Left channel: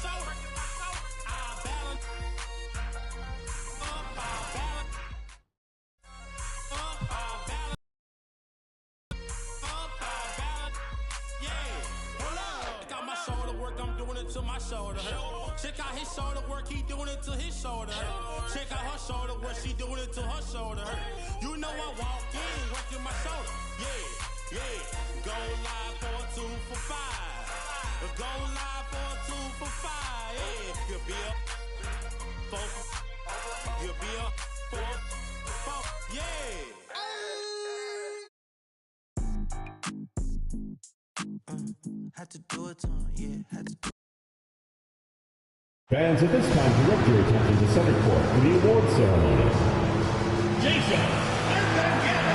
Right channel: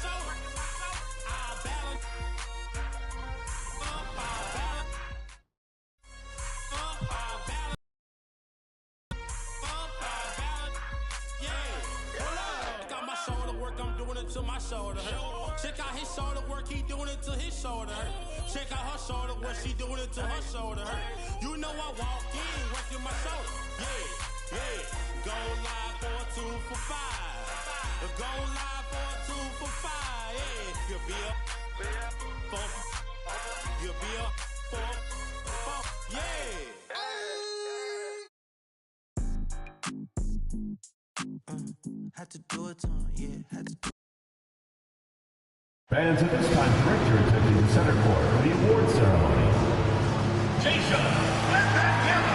shoulder. I balance up, I balance up, I balance up, I balance. Yeah, hold up. Check out my shoulder work, I'm doing it to my shoulder. Check out his shoulder work, he doing it to his shoulder. Check out her shoulder work, she doing it to her shoulder. You know I walk in, working my shoulder. Yeah, yeah. Go live for a 2 for 5. Go live for a 2 for 5. Yeah, you'll be a 4. You'll be a 4. 4. Yeah. Had to do it to him, yeah, had to do it. Fans, at this time, direct your attention to center court for the award ceremony. Jason Lentangela.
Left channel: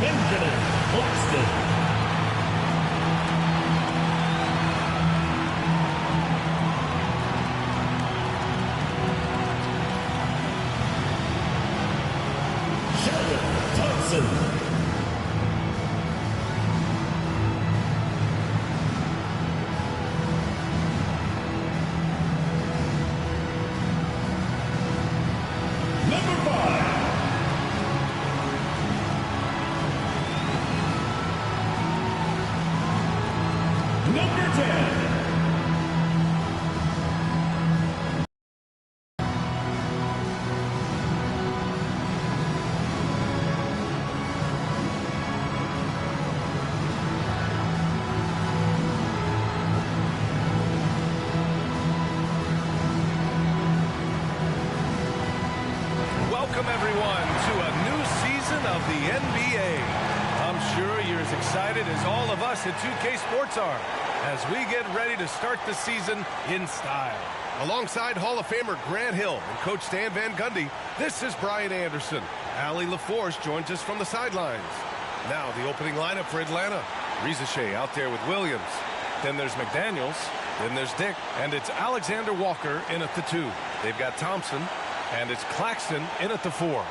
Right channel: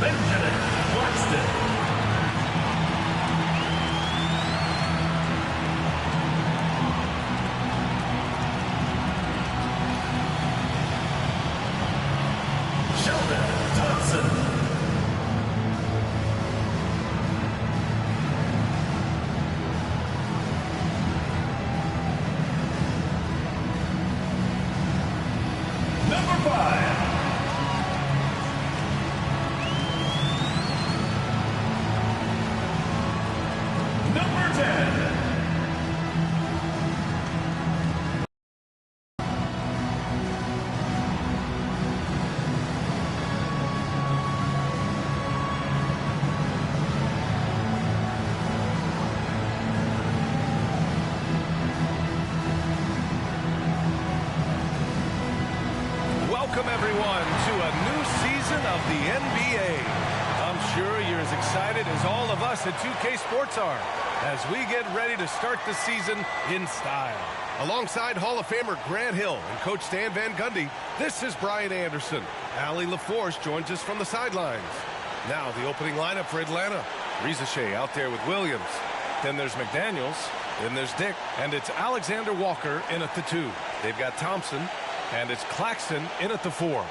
Benjamin Claxton. Sheldon Dodson. Number 5. Number 10. Welcome everyone to a new season of the NBA. I'm sure you're as excited as all of us at 2K Sports are as we get ready to start the season in style. Alongside Hall of Famer Grant Hill and Coach Stan Van Gundy, this is Brian Anderson. Allie LaForce joins us from the sidelines. Now the opening lineup for Atlanta. Rizachet out there with Williams. Then there's McDaniels. Then there's Dick. And it's Alexander Walker in at the 2. They've got Thompson. And it's Claxton in at the 4.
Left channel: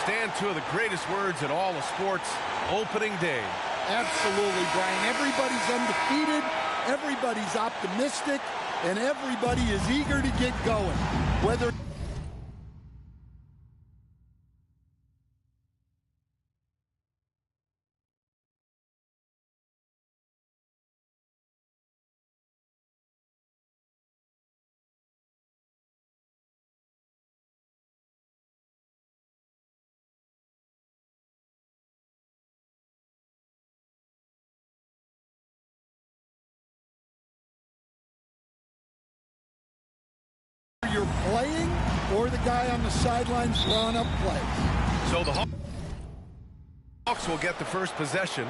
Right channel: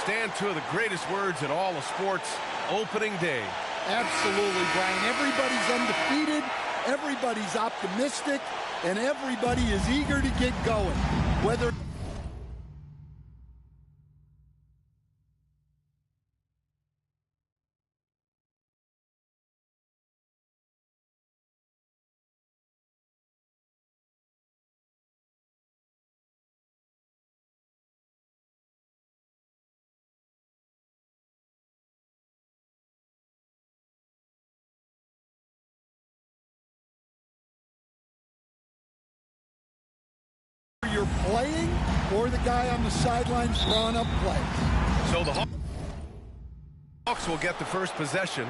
Stan, 2 of the greatest words in all of sports, opening day. Absolutely, Brian. Everybody's undefeated, everybody's optimistic, and everybody is eager to get going. Whether you're playing or the guy on the sidelines drawing up plays. So the Hawks will get the first possession.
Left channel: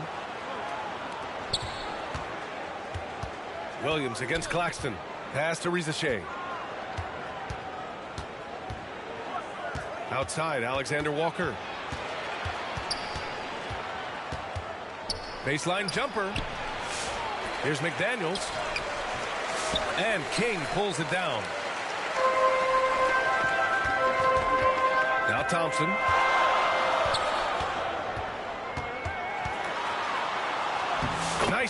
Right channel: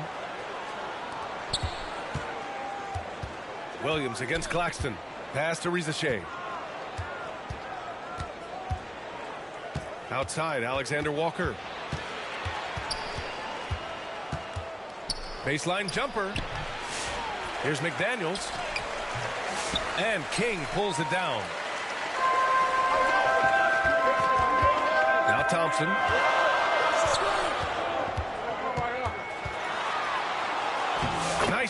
Williams against Claxton. Pass to Rizachet. Outside, Alexander Walker. Baseline jumper. Here's McDaniels. And King pulls it down. Now Thompson. Nice.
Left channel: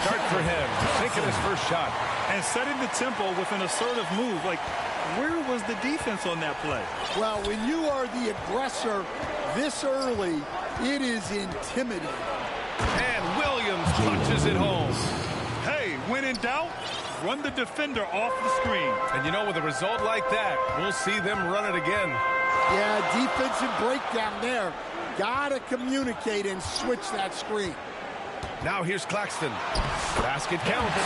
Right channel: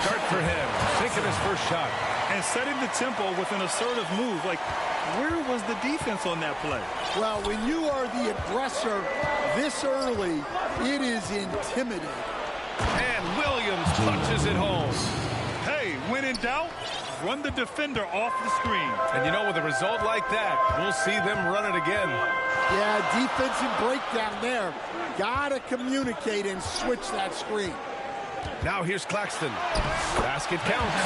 start for him, sinking his first shot. And setting the tempo with an assertive move. Like, where was the defense on that play? Well, when you are the aggressor this early, it is intimidating. And Williams punches it home. Hey, when in doubt, run the defender off the screen. And you know, with a result like that, we'll see them run it again. Yeah, defensive breakdown there. Gotta communicate and switch that screen. Now here's Claxton. Basket counts.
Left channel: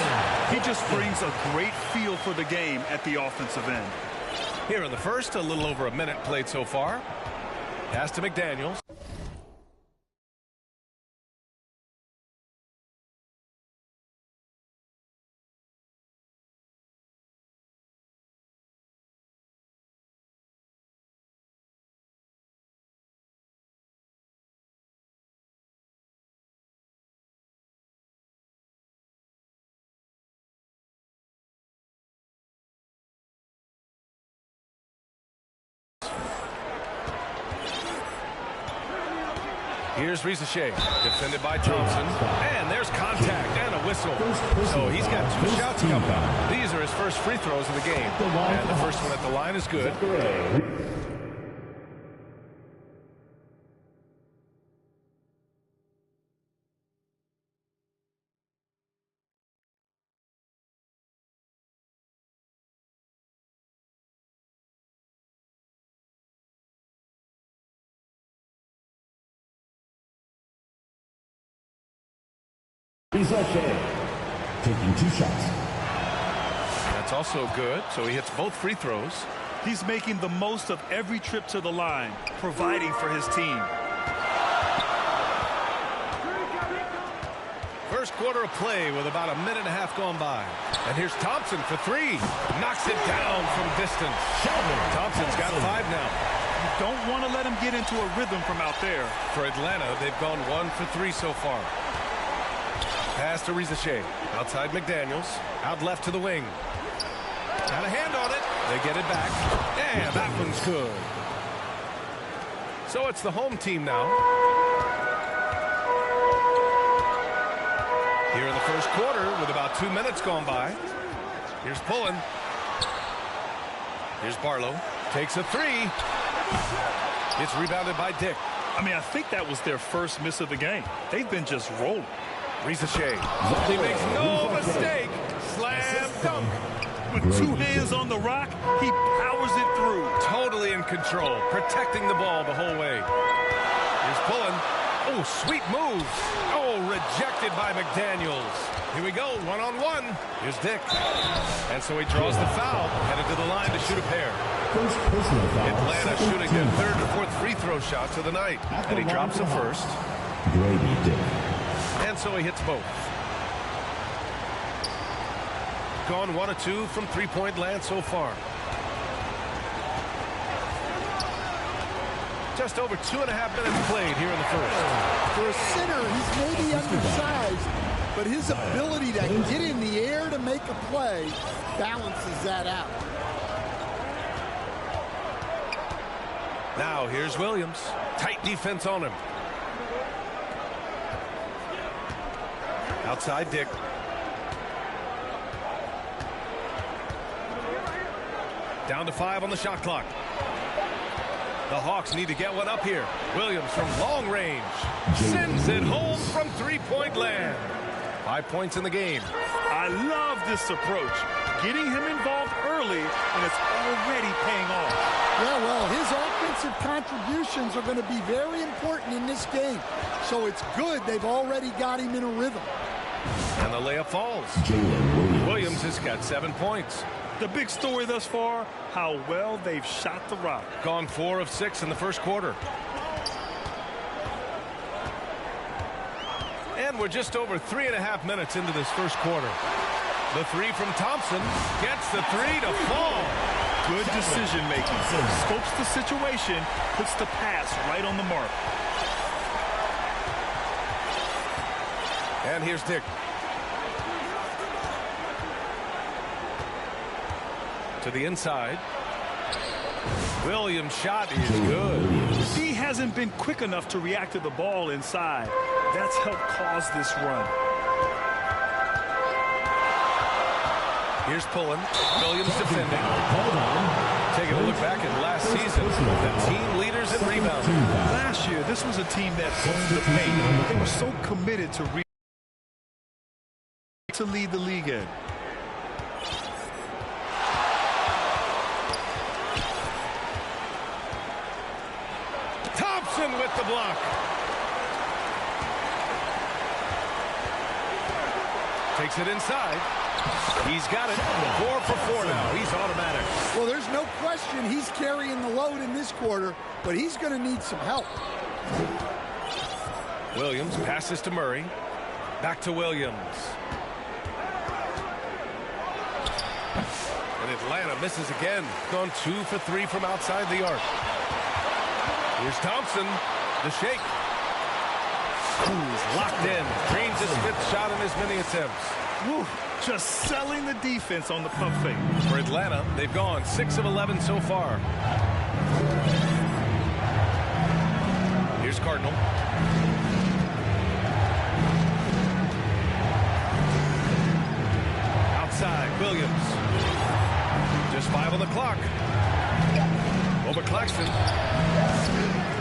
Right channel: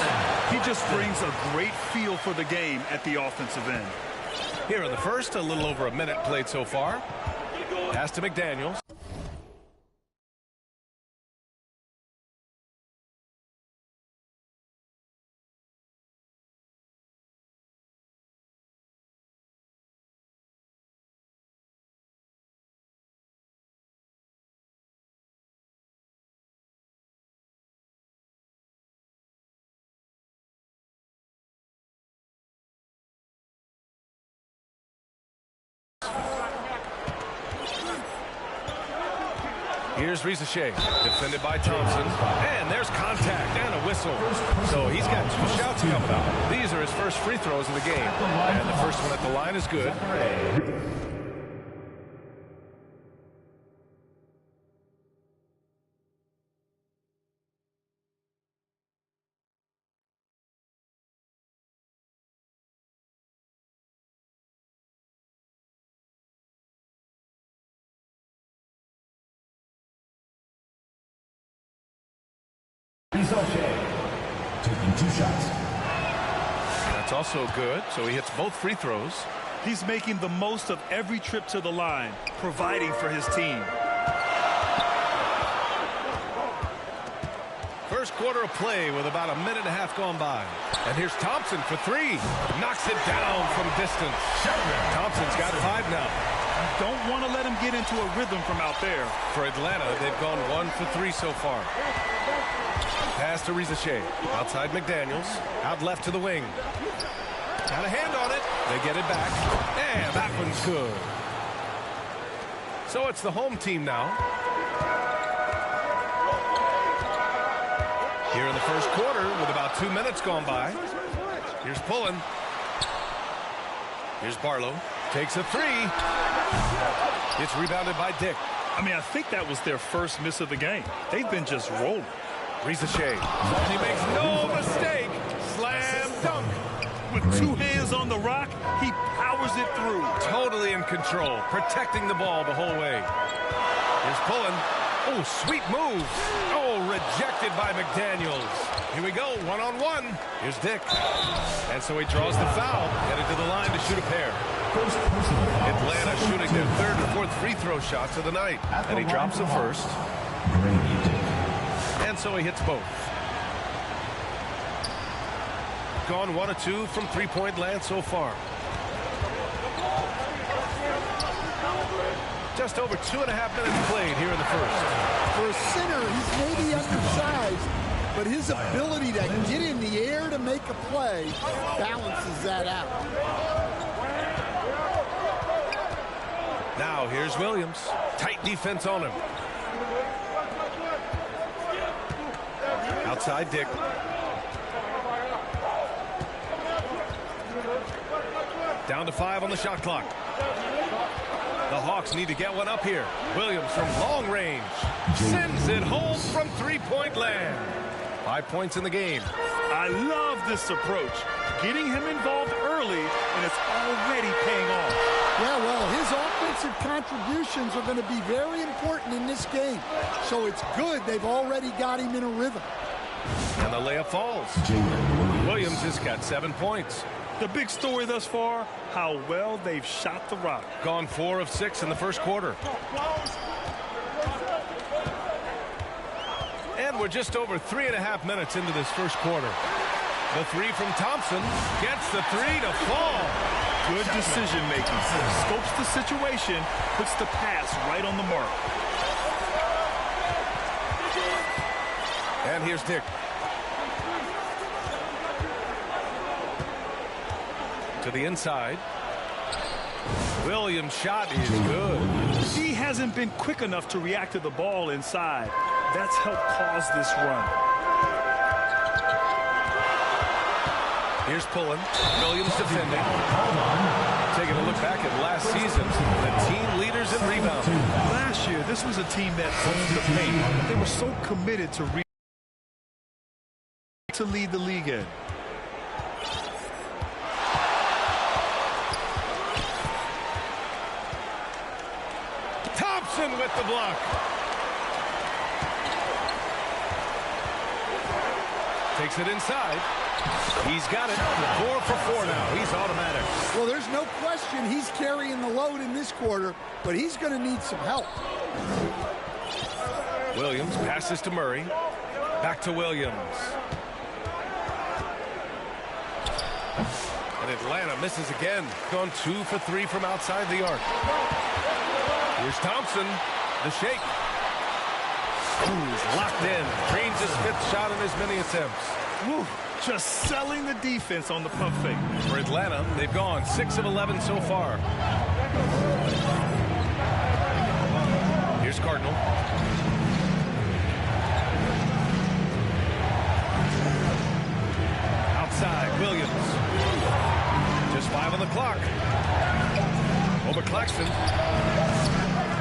He just brings a great feel for the game at the offensive end. Here in the first, a little over a minute played so far. Pass to McDaniels. Here's Rizachet, defended by Thompson, and there's contact and a whistle. So he's got 2 shots coming up. These are his first free throws of the game, and the first one at the line is good. Rizachet taking 2 shots. That's also good, so he hits both free throws. He's making the most of every trip to the line, providing for his team. First quarter of play with about a minute and a half gone by. And here's Thompson for 3. Knocks it down from distance. Thompson's got 5 now. You don't want to let him get into a rhythm from out there. For Atlanta, they've gone 1 for 3 so far. Pass to Rizachet. Outside McDaniels. Out left to the wing. Got a hand on it. They get it back. And that one's good. So it's the home team now. Here in the first quarter with about 2 minutes gone by. Here's Pullen. Here's Barlow. Takes a 3. It's rebounded by Dick. I mean, I think that was their first miss of the game. They've been just rolling. Rizachet. He makes no mistake. Slam dunk. With 2 hands on the rock, he powers it through. Totally in control, protecting the ball the whole way. Here's Pullen. Oh, sweet move. Oh, rejected by McDaniels. Here we go, 1-on-1. Here's Dick. And so he draws the foul, headed to the line to shoot a pair. First personal foul. Atlanta shooting their 3rd or 4th free throw shots of the night. And he drops the first. Grady Dick. And so he hits both. Gone 1 of 2 from 3-point land so far. Just over 2.5 minutes played here in the first. For a center, he's maybe undersized, but his ability to get in the air to make a play balances that out. Now here's Williams. Tight defense on him. Outside Dick. Down to 5 on the shot clock. The Hawks need to get one up here. Williams from long range. Sends it home from 3-point land. 5 points in the game. I love this approach. Getting him involved early, and it's already paying off. Yeah, well, his offensive contributions are going to be very important in this game. So it's good they've already got him in a rhythm. And the layup falls. Williams has got 7 points. The big story thus far, how well they've shot the rock. Gone 4 of 6 in the first quarter. And we're just over 3.5 minutes into this first quarter. The 3 from Thompson gets the 3 to fall. Good decision making. Scopes the situation, puts the pass right on the mark. And here's Dick. To the inside. Williams' shot is good. The D hasn't been quick enough to react to the ball inside. That's helped cause this run. Here's pulling. Williams defending. Taking a look back at last season, the team leaders in rebounding. Last year, this was a team that owned the paint. They were so committed to lead the league in. Thompson with the block. Takes it inside. He's got it. 4 for 4 now. He's automatic. Well, there's no question he's carrying the load in this quarter, but he's going to need some help. Williams passes to Murray. Back to Williams. And Atlanta misses again. Gone 2 for 3 from outside the arc. Here's Thompson. The shake. Ooh, he's locked in. Drains his 5th shot in as many attempts. Woo, just selling the defense on the pump fake. For Atlanta, they've gone 6 of 11 so far. Here's Cardinal. Outside, Williams. Just 5 on the clock. Over Claxton.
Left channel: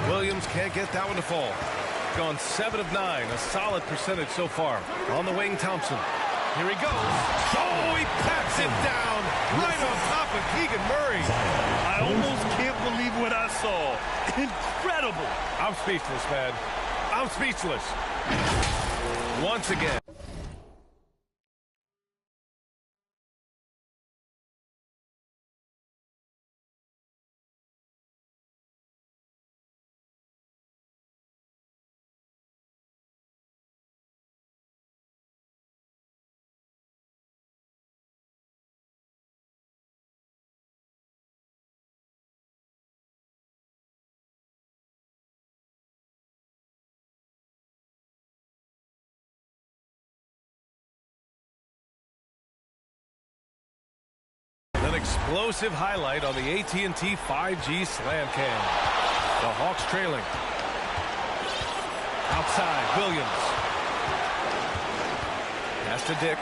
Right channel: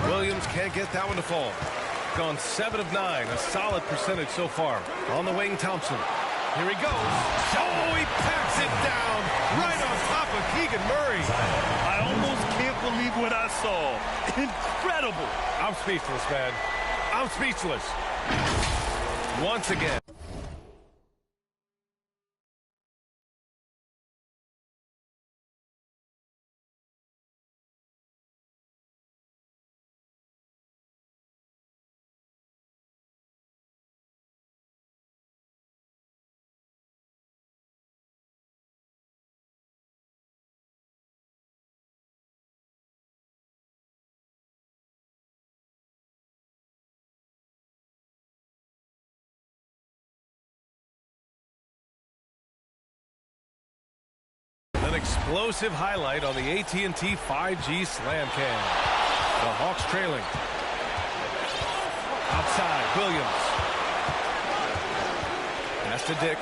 Williams can't get that one to fall. Gone 7 of 9, a solid percentage so far. On the wing, Thompson. Here he goes. Oh, he packs it down right on top of Keegan Murray. I almost can't believe what I saw. Incredible. I'm speechless, man. I'm speechless. Once again. An explosive highlight on the AT&T 5G Slam Cam. The Hawks trailing. Outside, Williams. Pass to Dick.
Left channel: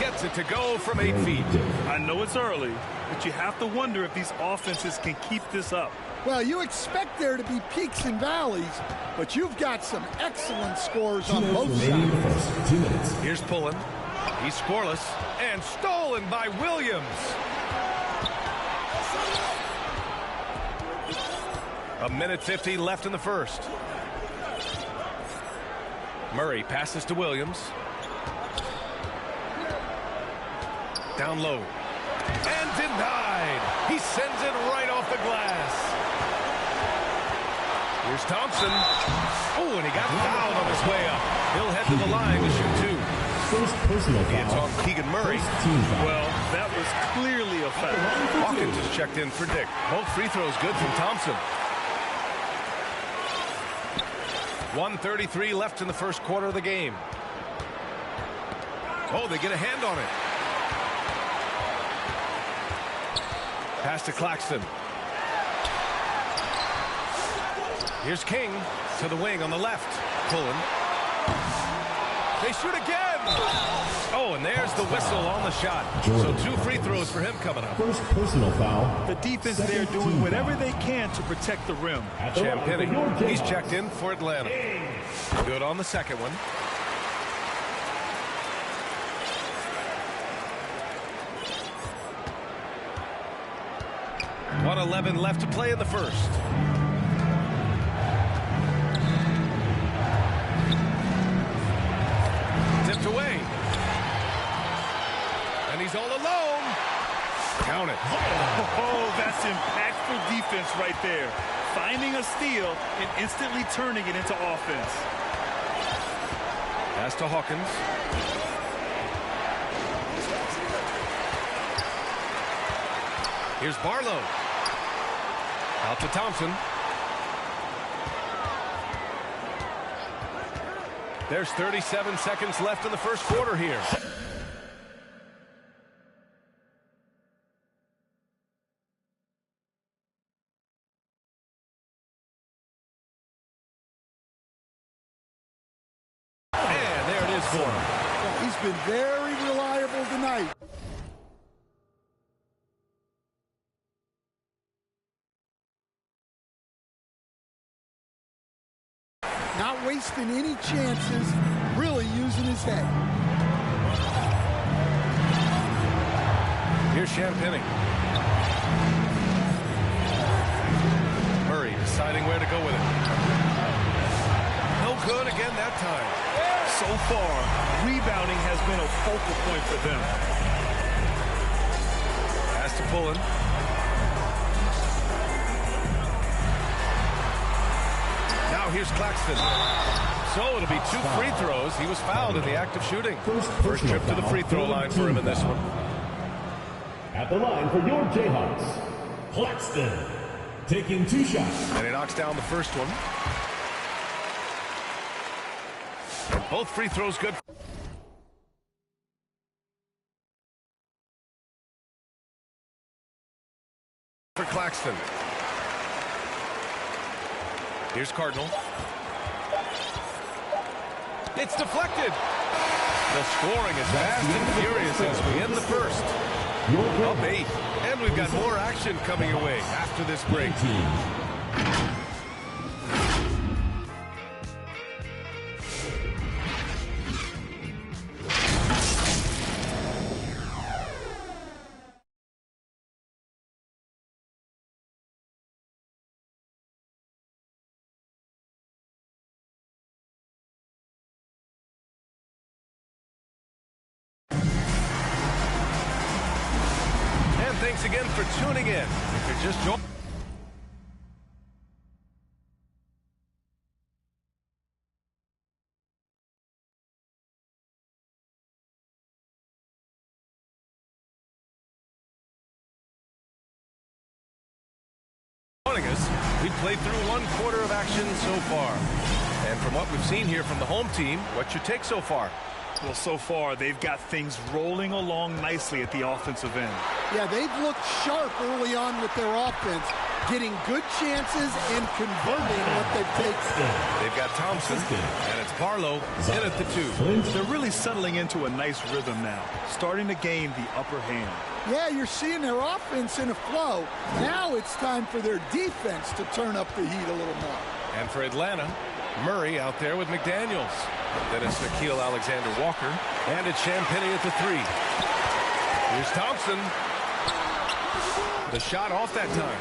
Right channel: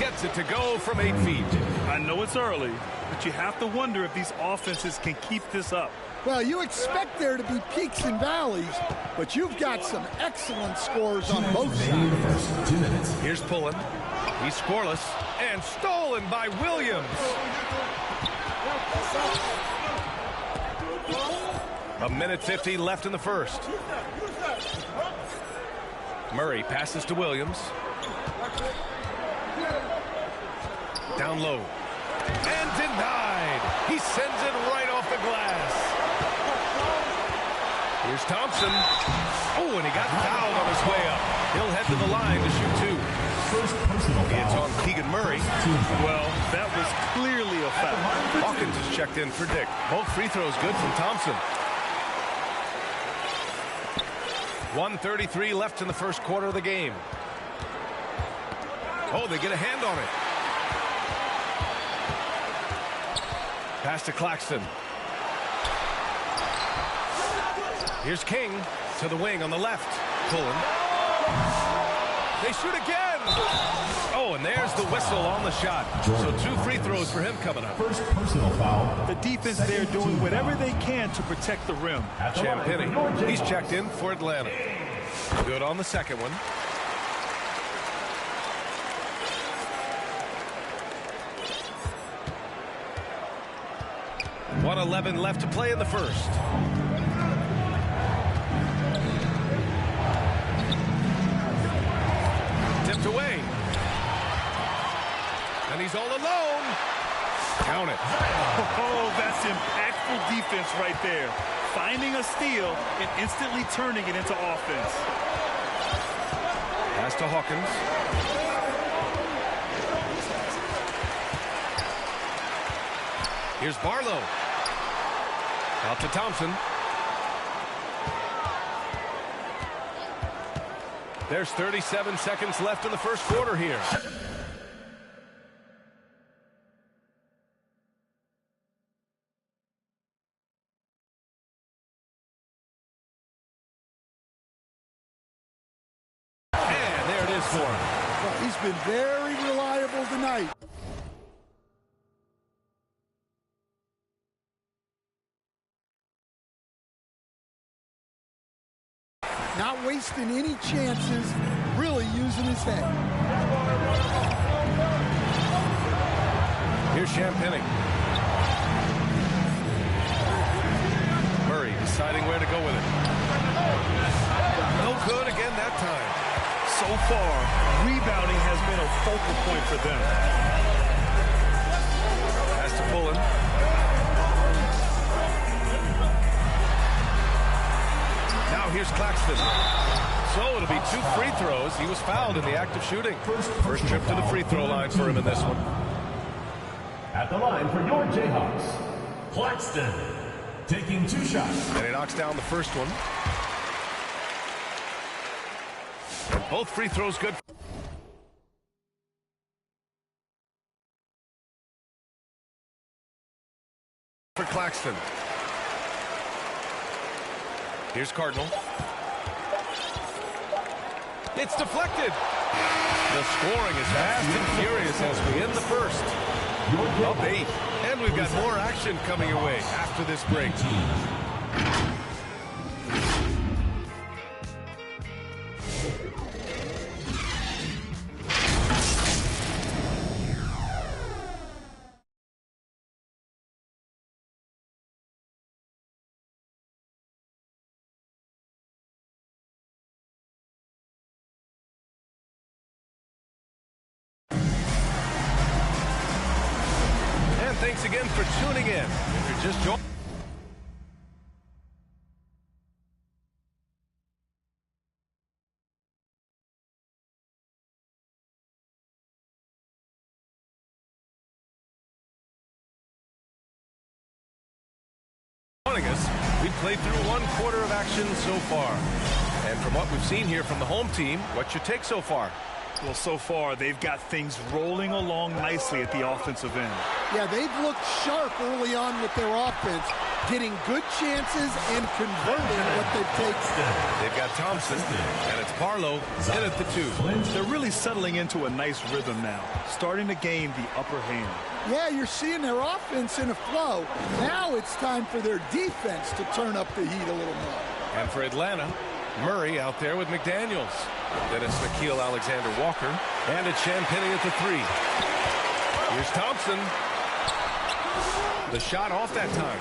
Gets it to go from 8 feet. I know it's early, but you have to wonder if these offenses can keep this up. Well, you expect there to be peaks and valleys, but you've got some excellent scores on both sides. 2 minutes. Here's Pullen. He's scoreless and stolen by Williams. A minute 50 left in the first. Murray passes to Williams. Down low. And denied. He sends it right off the glass. Here's Thompson. Oh, and he got fouled on his way up. He'll head to the line to shoot 2. First personal foul. It's on Keegan Murray. Well, that was clearly a foul. Hawkins is checked in for Dick. Both free throws good from Thompson. 1:33 left in the first quarter of the game. Oh, they get a hand on it. Pass to Claxton. Here's King to the wing on the left. Pulling. They shoot again. Oh, and there's the whistle on the shot. So 2 free throws for him coming up. First personal foul. The defense there doing whatever they can to protect the rim. Champagny, he's checked in for Atlanta. Good on the second one. .111 left to play in the first. Tipped away. And he's all alone. Count it. Oh, that's impactful defense right there. Finding a steal and instantly turning it into offense. Pass to Hawkins. Here's Barlow. Out to Thompson. There's 37 seconds left in the first quarter here. And there it is for him. Well, he's been very reliable tonight. Not wasting any chances, really using his head. Here's Champagny. Murray deciding where to go with it. No good again that time. So far, rebounding has been a focal point for them. Has to pull in. Now here's Claxton. So it'll be 2 free throws. He was fouled in the act of shooting. First trip to the free throw line for him in this one. At the line for your Jayhawks, Claxton, taking 2 shots. And he knocks down the first one. And both free throws good. For Claxton. Here's Cardinal. It's deflected. The scoring is fast and furious as we end the first. Up 8. And we've got more action coming your way after this break. And thanks again for tuning in. If you're just joining. Us, we've played through 1/4 of action so far. And from what we've seen here from the home team, what's your take so far? Well, so far, they've got things rolling along nicely at the offensive end. Yeah, they've looked sharp early on with their offense, getting good chances and converting what they've taken. They've got Thompson, and it's Barlow in at the 2. They're really settling into a nice rhythm now, starting to gain the upper hand. Yeah, you're seeing their offense in a flow. Now it's time for their defense to turn up the heat a little more. And for Atlanta, Murray out there with McDaniels. Then it's Nickeil Alexander-Walker, and it's Champagny at the 3. Here's Thompson. The shot off that time.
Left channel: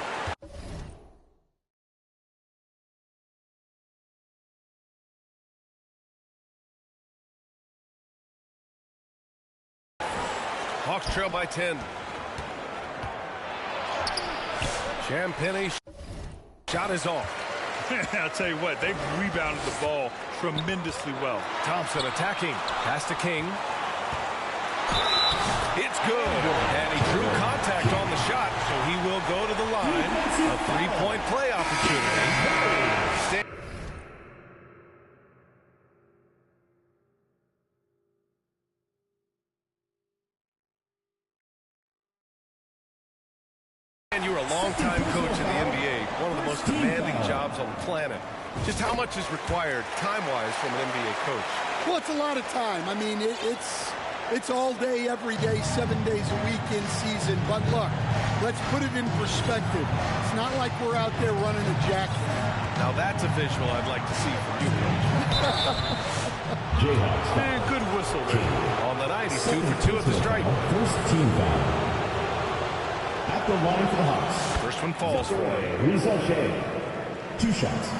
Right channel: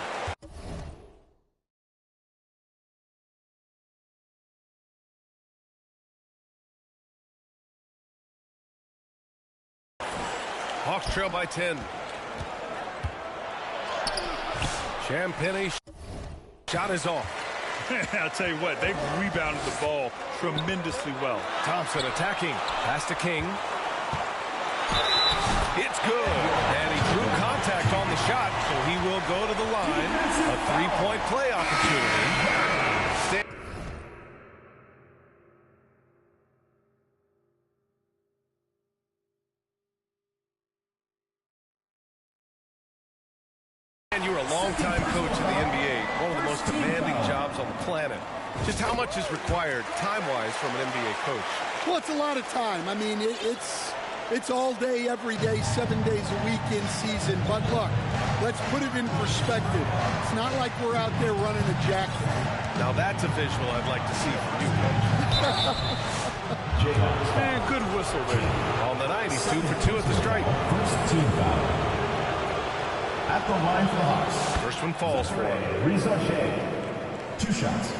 Hawks trail by 10. Champagny shot is off. I'll tell you what, they've rebounded the ball tremendously well. Thompson attacking. Pass to King. It's good. And he drew contact on the shot, so he will go to the line. A 3-point play opportunity. And you were a longtime coach in the NBA, one of the most demanding jobs on the planet. Just how much is required time-wise from an NBA coach? Well, it's a lot of time. I mean, it's all day, every day, 7 days a week in season. But look, let's put it in perspective. It's not like we're out there running a jacket. Now that's a visual I'd like to see from you, Coach. Jayhawks. Man, good whistle there. On the night, he's 2 for 2 at the stripe. First team foul. At the line for the Hawks. First one falls for him. Reza Shea. 2 shots.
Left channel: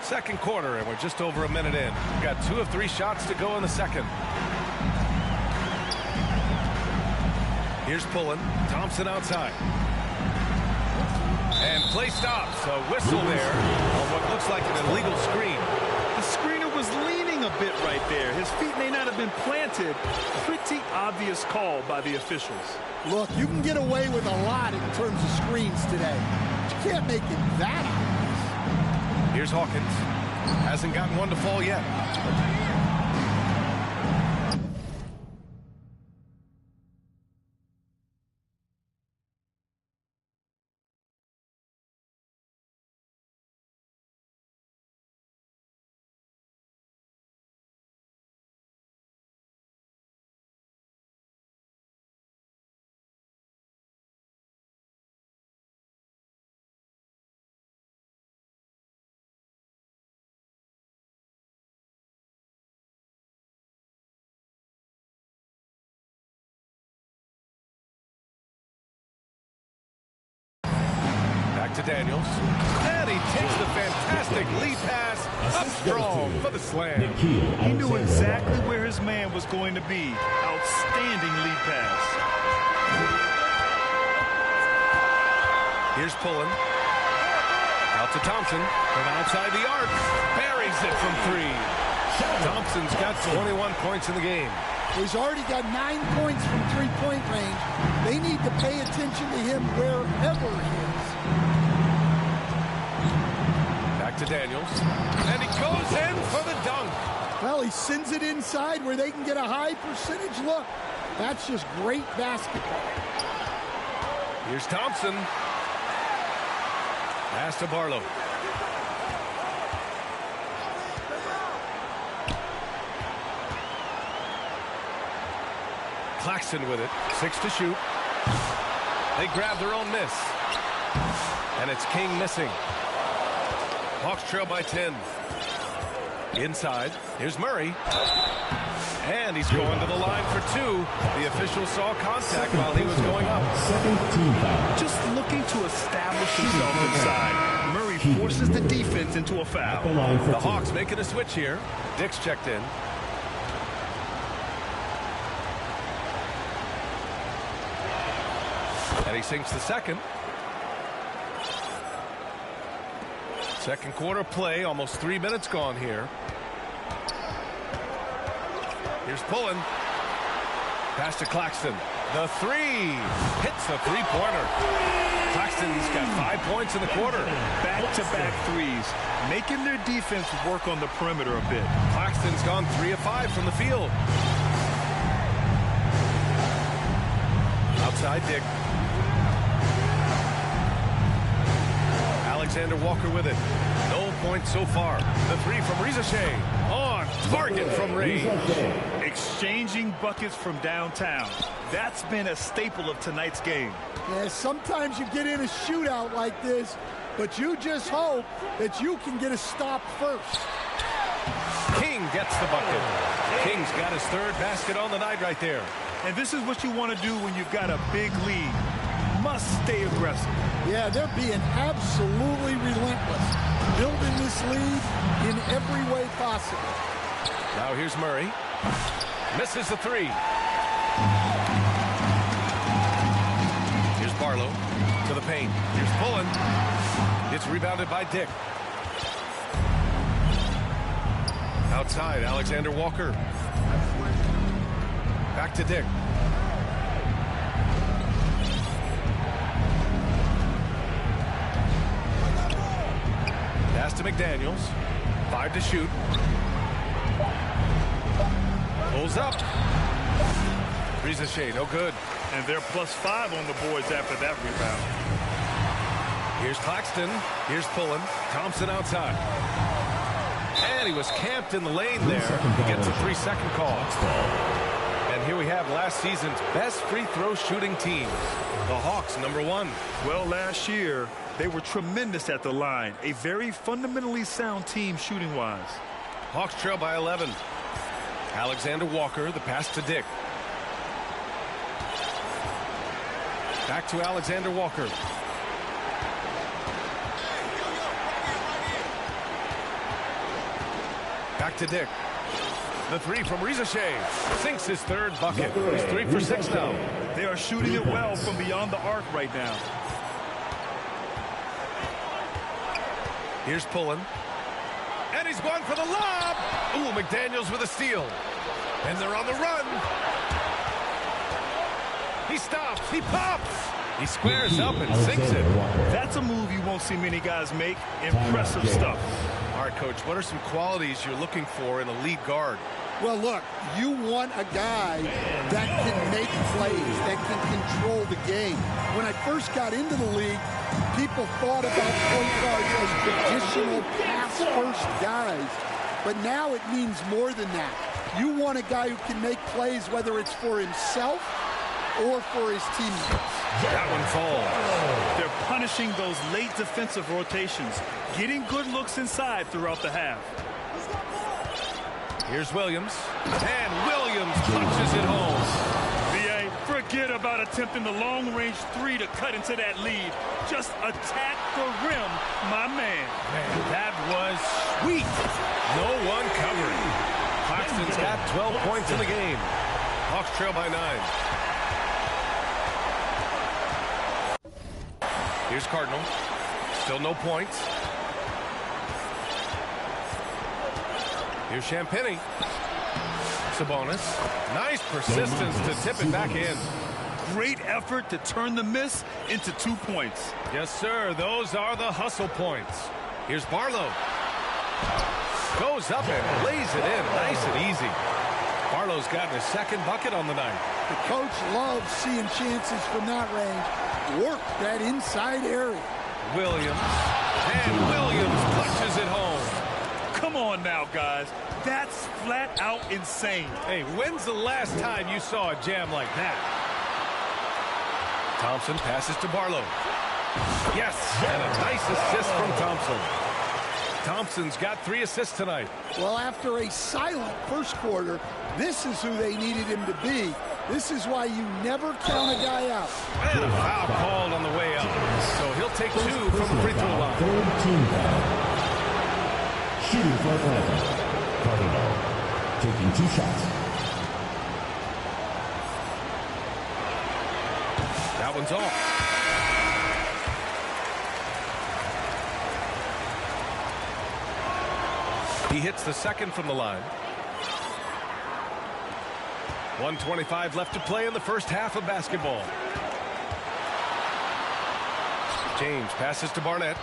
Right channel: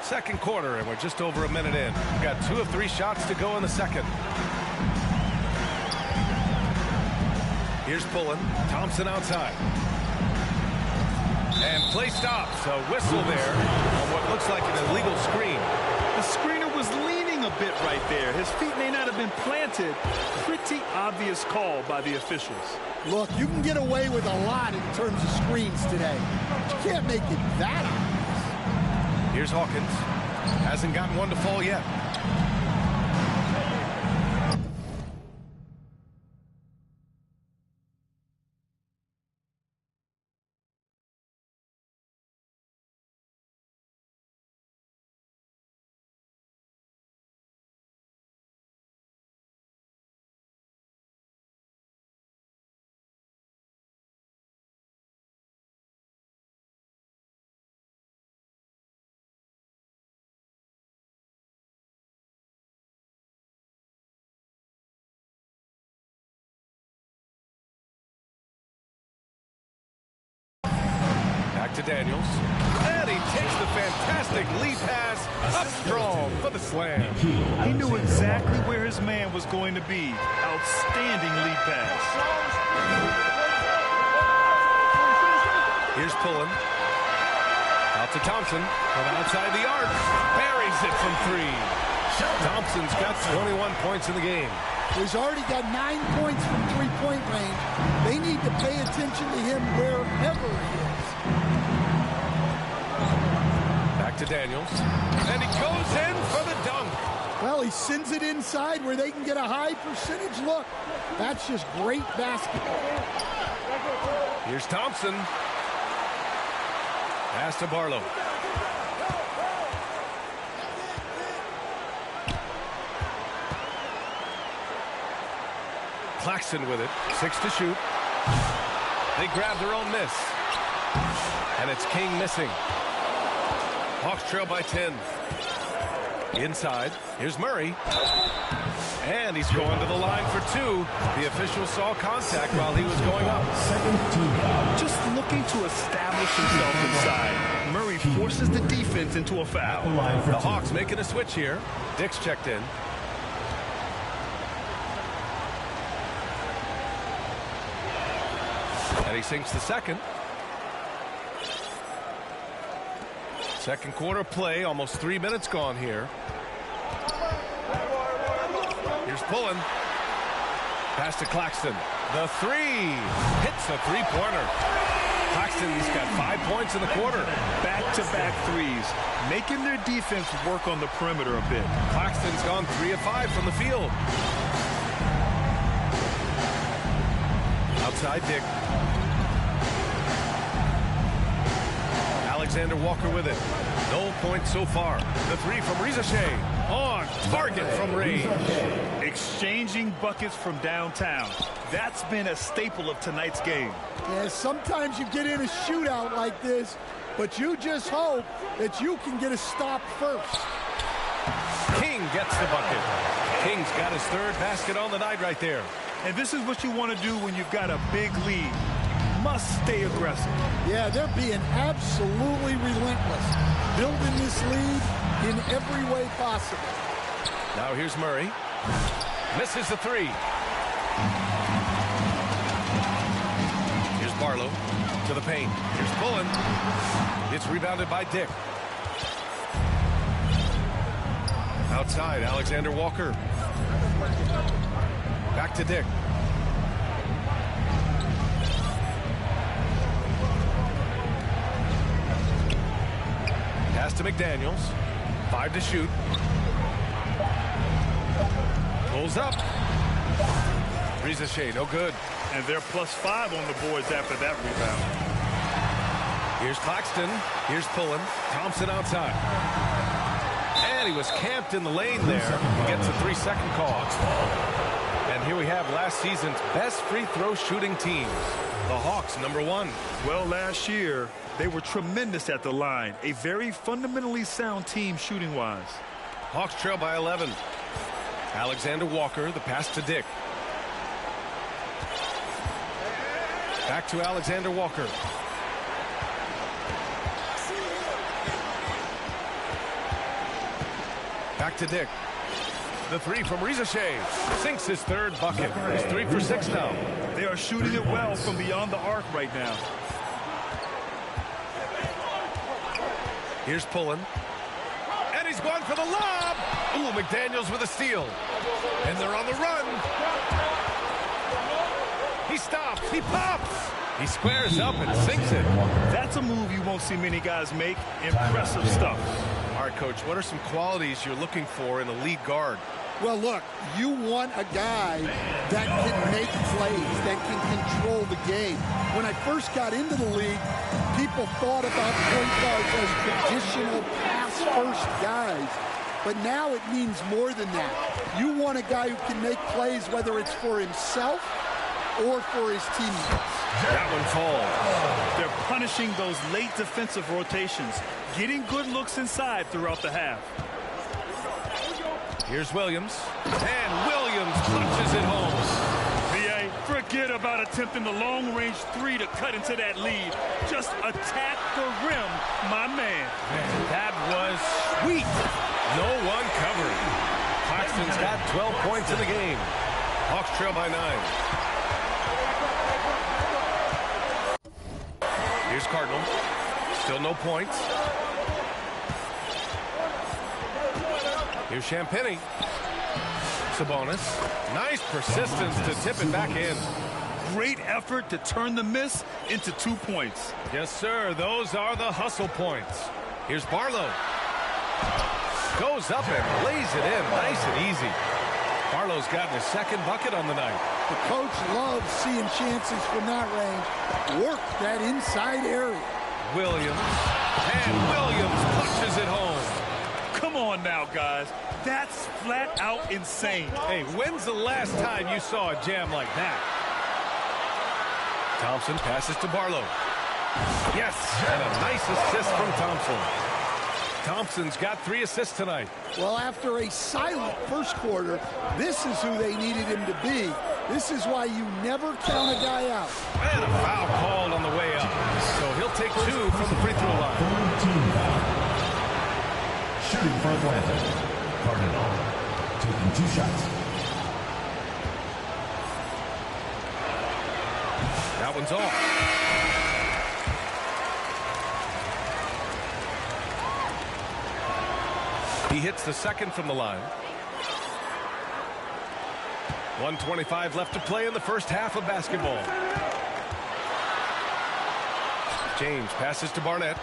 Second quarter, and we're just over a minute in. We've got 2 of 3 shots to go in the second. Here's Pullen. Thompson outside. And play stops. A whistle there on what looks like an illegal screen. The screener was leaning a bit right there. His feet may not have been planted. Pretty obvious call by the officials. Look, you can get away with a lot in terms of screens today. But you can't make it that obvious. Here's Hawkins. Hasn't gotten one to fall yet. Back to Daniels. And he takes the fantastic lead pass up strong for the slam. He knew exactly where his man was going to be. Outstanding lead pass. Here's Pullen. Out to Thompson from outside the arc. Buries it from 3. Thompson's got 21 points in the game. He's already got 9 points from three-point range. They need to pay attention to him wherever he is. Back to Daniels. And he goes in for the dunk. Well, he sends it inside where they can get a high percentage look. That's just great basketball. Here's Thompson. Pass to Barlow. Claxton with it. 6 to shoot. They grab their own miss. And it's King missing. Hawks trail by 10. Inside. Here's Murray. And he's going to the line for 2. The official saw contact while he was going up. Second team foul. Just looking to establish himself inside. Murray forces the defense into a foul. The Hawks making a switch here. Dick's checked in. And he sinks the second. Second quarter play, almost 3 minutes gone here. Here's Pullen. Pass to Claxton. The 3. Hits a three-pointer. Claxton's got 5 points in the quarter. Back-to-back threes, making their defense work on the perimeter a bit. Claxton's gone 3 of 5 from the field. Outside Dick. Alexander Walker with it. No points so far. The 3 from Rizashay. On target from range. Exchanging buckets from downtown. That's been a staple of tonight's game. Yeah, sometimes you get in a shootout like this, but you just hope that you can get a stop first. King gets the bucket. King's got his 3rd basket on the night right there. And this is what you want to do when you've got a big lead. Must stay aggressive. Yeah, they're being absolutely relentless, building this lead in every way possible. Now here's Murray. Misses the 3. Here's Barlow to the paint. Here's Pullen. It's rebounded by Dick. Outside, Alexander Walker. Back to Dick. Pass to McDaniels. 5 to shoot. Pulls up. Rizashay, no good. And they're +5 on the boards after that rebound. Here's Claxton. Here's Pullen. Thompson outside. And he was camped in the lane there. He gets a 3-second call. And here we have last season's best free throw shooting teams. The Hawks, number 1. Well, last year, they were tremendous at the line. A very fundamentally sound team shooting-wise. Hawks trail by 11. Alexander Walker, the pass to Dick. Back to Alexander Walker. Back to Dick. The 3 from Rizashay. Sinks his 3rd bucket. He's 3 for 6 now. They are shooting it well from beyond the arc right now. Here's Pullen. And he's going for the lob. Ooh, McDaniels with a steal. And they're on the run. He stops. He pops. He squares up and sinks it. That's a move you won't see many guys make. Impressive stuff. All right, Coach, what are some qualities you're looking for in a lead guard? Well, look, you want a guy that can make plays, that can control the game. When I first got into the league, people thought about point guards as traditional pass-first guys. But now it means more than that. You want a guy who can make plays, whether it's for himself or for his teammates. That one falls. They're punishing those late defensive rotations, getting good looks inside throughout the half. Here's Williams. And Williams punches it home. VA, Forget about attempting the long-range three to cut into that lead. Just attack the rim, my man. Man, that was sweet. No one covering. Claxton's got 12 points in the game. Hawks trail by 9. Here's Cardinal. Still no points. Here's Champagnie. Sabonis. Nice persistence to tip it back in. Great effort to turn the miss into 2 points. Yes, sir. Those are the hustle points. Here's Barlow. Goes up and lays it in. Nice and easy. Barlow's gotten his second bucket on the night. The coach loves seeing chances from that range. Work that inside area. Williams. And Williams punches it home. Come on now, guys. That's flat out insane. Hey, when's the last time you saw a jam like that? Thompson passes to Barlow. Yes, and a nice assist from Thompson. Thompson's got 3 assists tonight. Well, after a silent first quarter, this is who they needed him to be. This is why you never count a guy out. And a foul called on the way up. So he'll take 2 from the free throw line. Third team foul. Shooting for Atlanta. Cardinal taking 2 shots. That one's off. He hits the second from the line. 1:25 left to play in the first half of basketball. James passes to Barnett.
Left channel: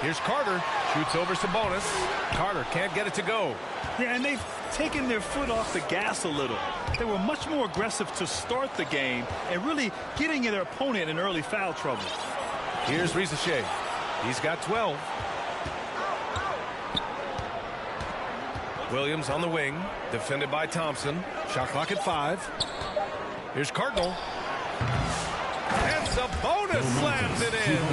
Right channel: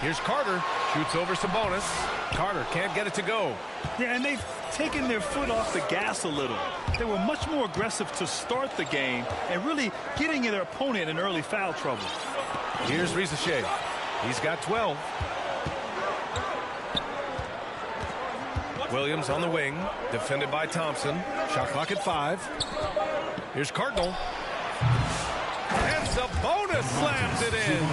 Here's Carter. Shoots over Sabonis. Carter can't get it to go. Yeah, and they've taken their foot off the gas a little. They were much more aggressive to start the game and really getting their opponent in early foul trouble. Here's Risacher. He's got 12. Williams on the wing. Defended by Thompson. Shot clock at 5. Here's Cardinal. And Sabonis slams it in.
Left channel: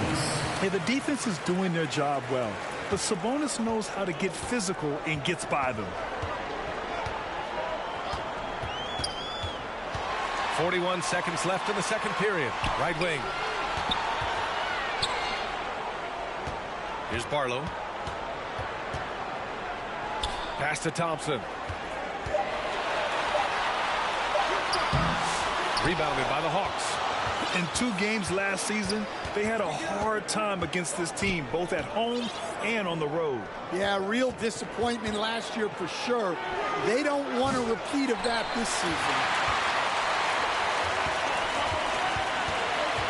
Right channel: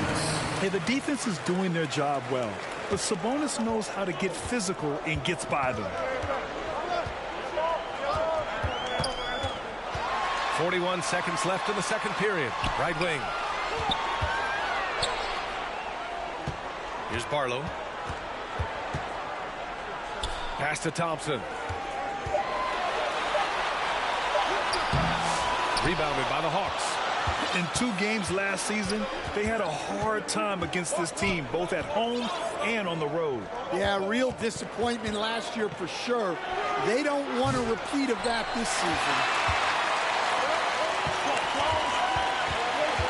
Hey, the defense is doing their job well, but Sabonis knows how to get physical and gets by them. 41 seconds left in the second period. Right wing. Here's Barlow. Pass to Thompson. Rebounded by the Hawks. In 2 games last season, they had a hard time against this team, both at home and on the road. Yeah, real disappointment last year for sure. They don't want a repeat of that this season.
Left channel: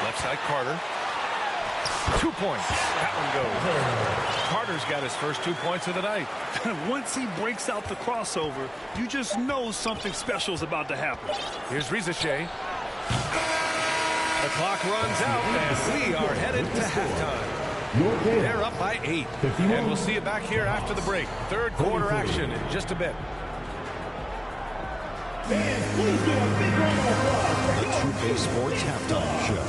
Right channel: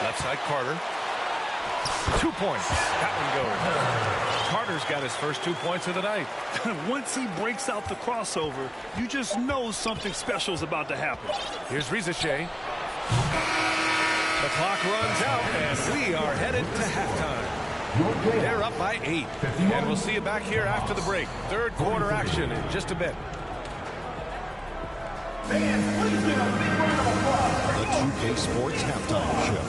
Left side, Carter. 2 points. That one goes. Carter's got his first 2 points of the night. Once he breaks out the crossover, you just know something special is about to happen. Here's Risacher. The clock runs out, and we are headed to halftime. They're up by 8. And we'll see you back here after the break. Third quarter action in just a bit. Fans, please give a big round of applause. The 2K Sports Halftime Show.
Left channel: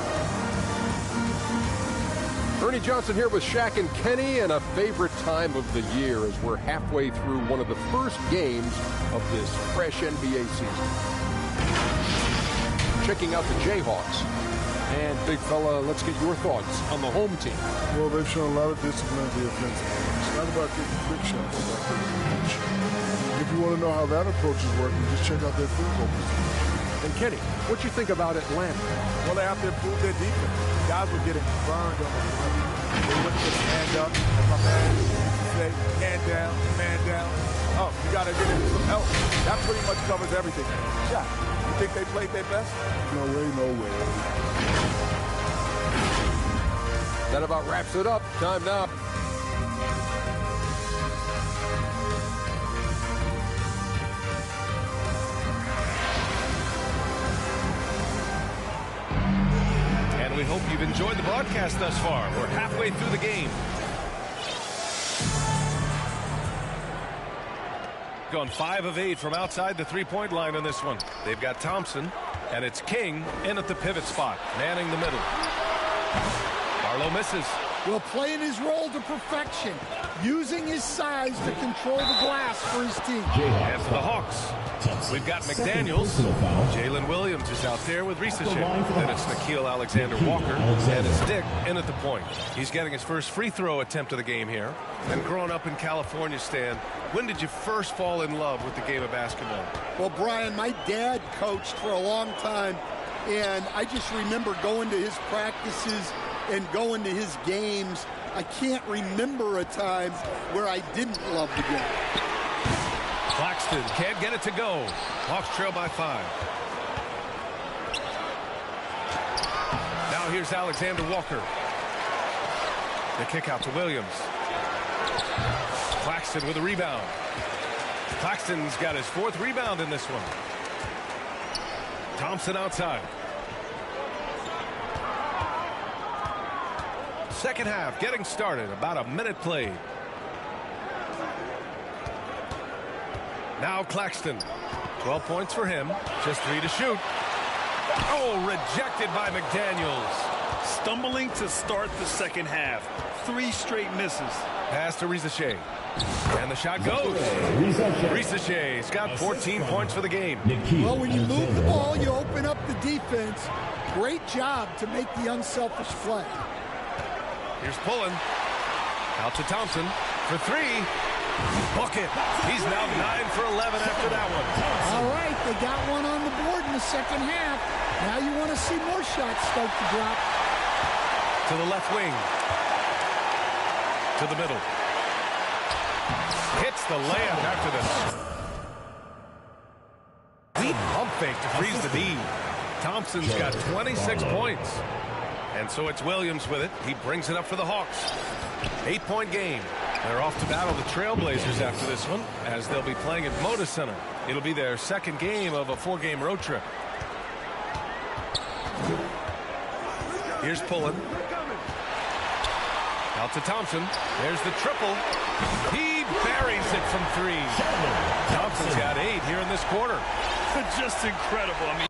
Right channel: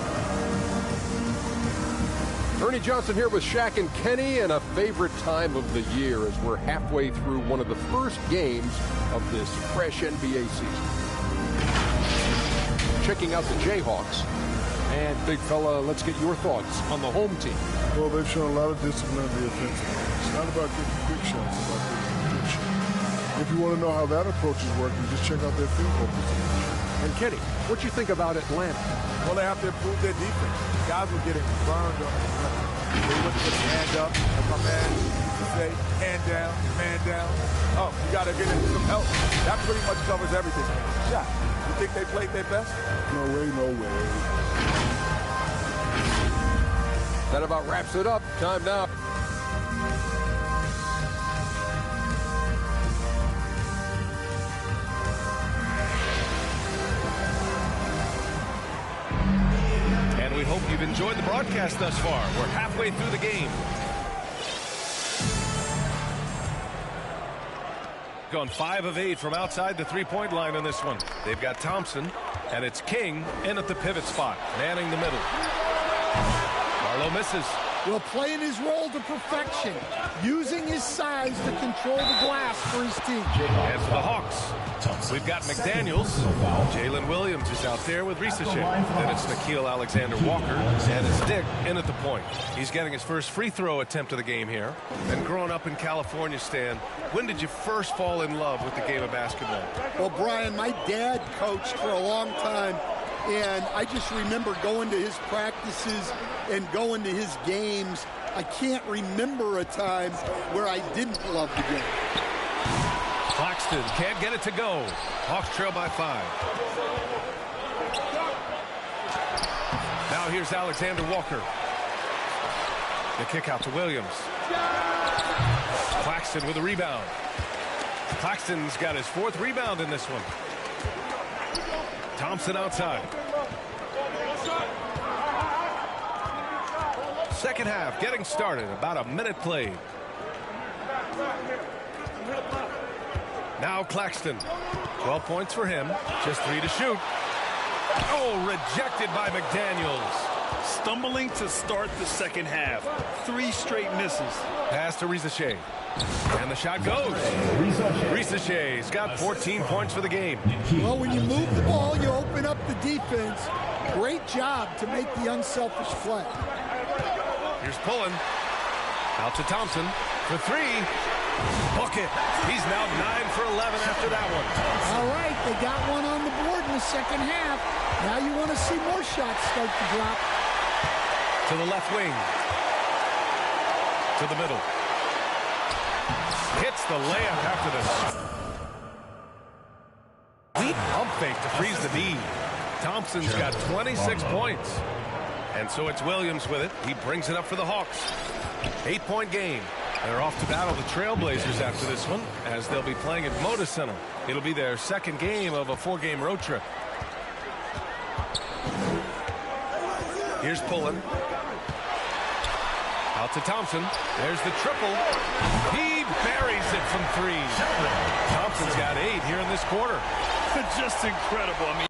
Ernie Johnson here with Shaq and Kenny, and a favorite time of the year as we're halfway through one of the first games of this fresh NBA season. Checking out the Jayhawks. And, big fella, let's get your thoughts on the home team. Well, they've shown a lot of discipline in the offensive end. It's not about getting quick shots, it's about getting a good shot. If you want to know how that approach is working, just check out their field goal percentage. And, Kenny, what you think about Atlanta? Well, they have to improve their defense. Guys were getting burned on the perimeter. They wouldn't put a hand up. As my man used to say, hand down, man down. Oh, you got to get in some help. That pretty much covers everything, man. Shaq, you think they played their best? No way, no way. That about wraps it up. Time now. And we hope you've enjoyed the broadcast thus far. We're halfway through the game. Gone 5 of 8 from outside the three-point line on this one. They've got Thompson, and it's King in at the pivot spot, manning the middle. Barlow misses. Well, playing his role to perfection, using his size to control the glass for his team. And for the Hawks, we've got McDaniels. Jalen Williams is out there with Risachet. Then it's Nickeil Alexander-Walker. And it's Dick in at the point. He's getting his first free throw attempt of the game here. And growing up in California, Stan, when did you first fall in love with the game of basketball? Well, Brian, my dad coached for a long time, and I just remember going to his practices and going to his games. I can't remember a time where I didn't love the game. Claxton can't get it to go. Hawks trail by 5. Now here's Alexander Walker. The kick out to Williams. Claxton with a rebound. Claxton's got his 4th rebound in this one. Thompson outside. Second half getting started. About a minute played. Now Claxton. 12 points for him. Just 3 to shoot. Oh, rejected by McDaniels. Stumbling to start the second half. 3 straight misses. Pass to Risachet. And the shot goes. Risachet's got 14 points for the game. Well, when you move the ball, you open up the defense. Great job to make the unselfish play. Here's Pullen. Out to Thompson for 3. Bucket. He's now 9 for 11 after that one. All right, they got one on the board in the second half. Now you want to see more shots start to drop. To the left wing. To the middle. Hits the layup after this. Weak pump fake to freeze the D. Thompson's got 26 points. And so it's Williams with it. He brings it up for the Hawks. 8-point game. They're off to battle the Trailblazers after this one, as they'll be playing at Moda Center. It'll be their second game of a 4-game road trip. Here's Pullen. Out to Thompson. There's the triple. He buries it from 3. Thompson's got 8 here in this quarter. Just incredible. I mean,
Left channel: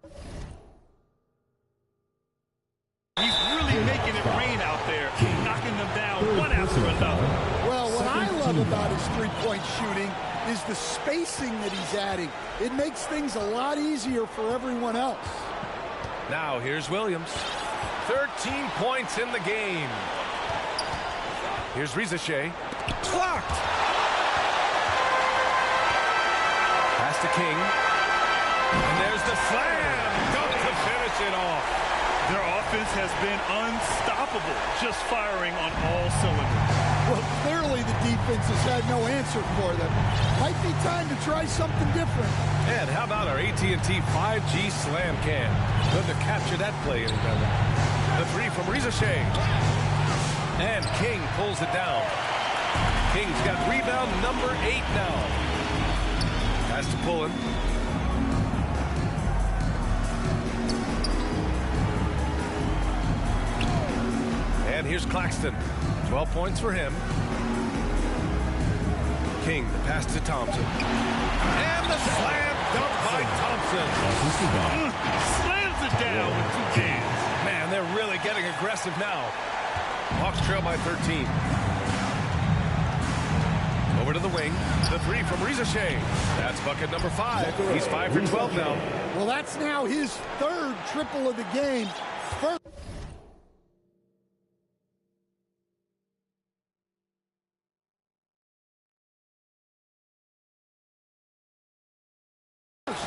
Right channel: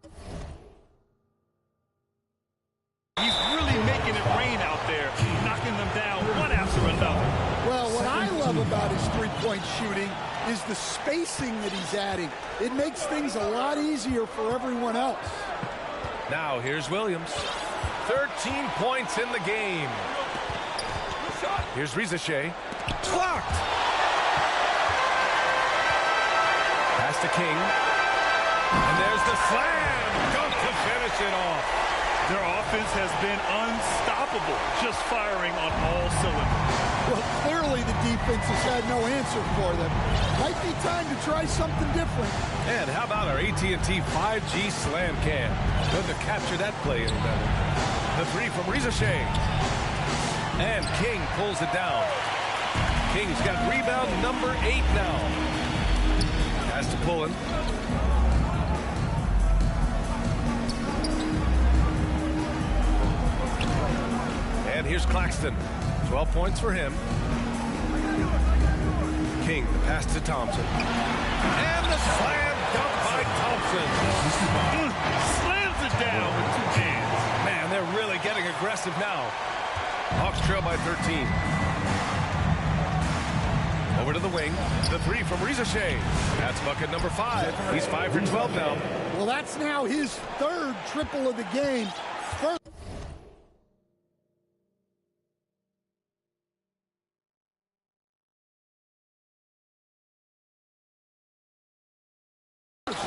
he's really making it rain out there, knocking them down one after another. Well, what I love about his three-point shooting is the spacing that he's adding. It makes things a lot easier for everyone else. Now here's Williams. 13 points in the game. Here's Risachet. Blocked. Pass to King. And there's the slam dunk to finish it off. Their offense has been unstoppable, just firing on all cylinders. Well, clearly the defense has had no answer for them. Might be time to try something different. And how about our AT&T 5G slam cam? Couldn't have captured that play any better. The 3 from Risachet. And King pulls it down. King's got rebound number 8 now. Pass to Pullen. And here's Claxton. 12 points for him. King, the pass to Thompson. And the slam dunk by Thompson. Slams it down with 2 hands. Man, they're really getting aggressive now. Hawks trail by 13. Over to the wing. The 3 from Risachet. That's bucket number 5. He's 5 for 12 now. Well, that's now his 3rd triple of the game. First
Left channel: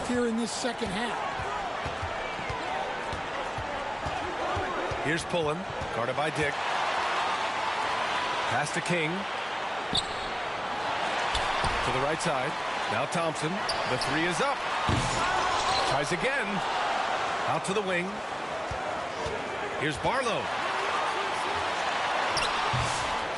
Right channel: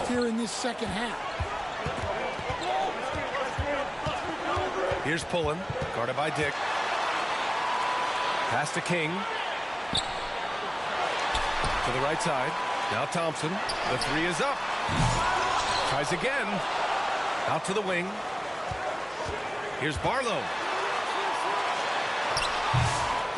here in this second half. Here's Pullen, guarded by Dick. Pass to King. To the right side. Now Thompson. The 3 is up. Tries again. Out to the wing. Here's Barlow.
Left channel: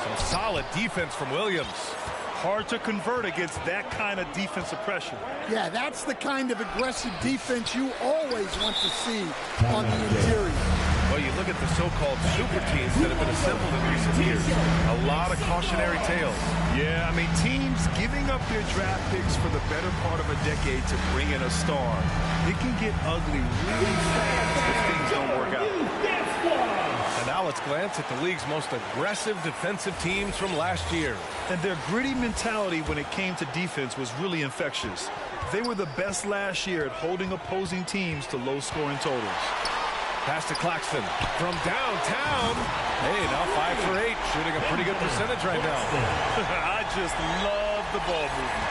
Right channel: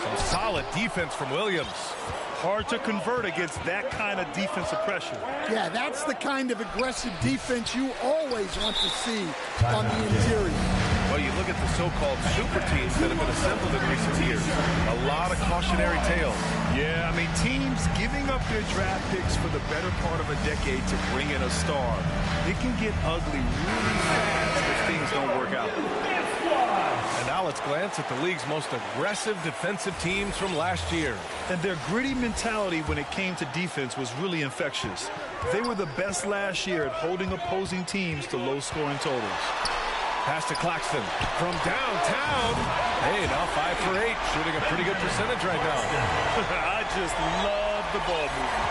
Some solid defense from Williams. Hard to convert against that kind of defensive pressure. Yeah, that's the kind of aggressive defense you always want to see on the interior. Well, you look at the so-called super teams that have been assembled in recent years. A lot of cautionary tales. Yeah, I mean, teams giving up their draft picks for the better part of a decade to bring in a star. It can get ugly really fast if things don't work out. And now let's glance at the league's most aggressive defensive teams from last year. And their gritty mentality when it came to defense was really infectious. They were the best last year at holding opposing teams to low-scoring totals. Pass to Claxton from downtown. Hey, now 5 for 8, shooting a pretty good percentage right now. I just love the ball movement.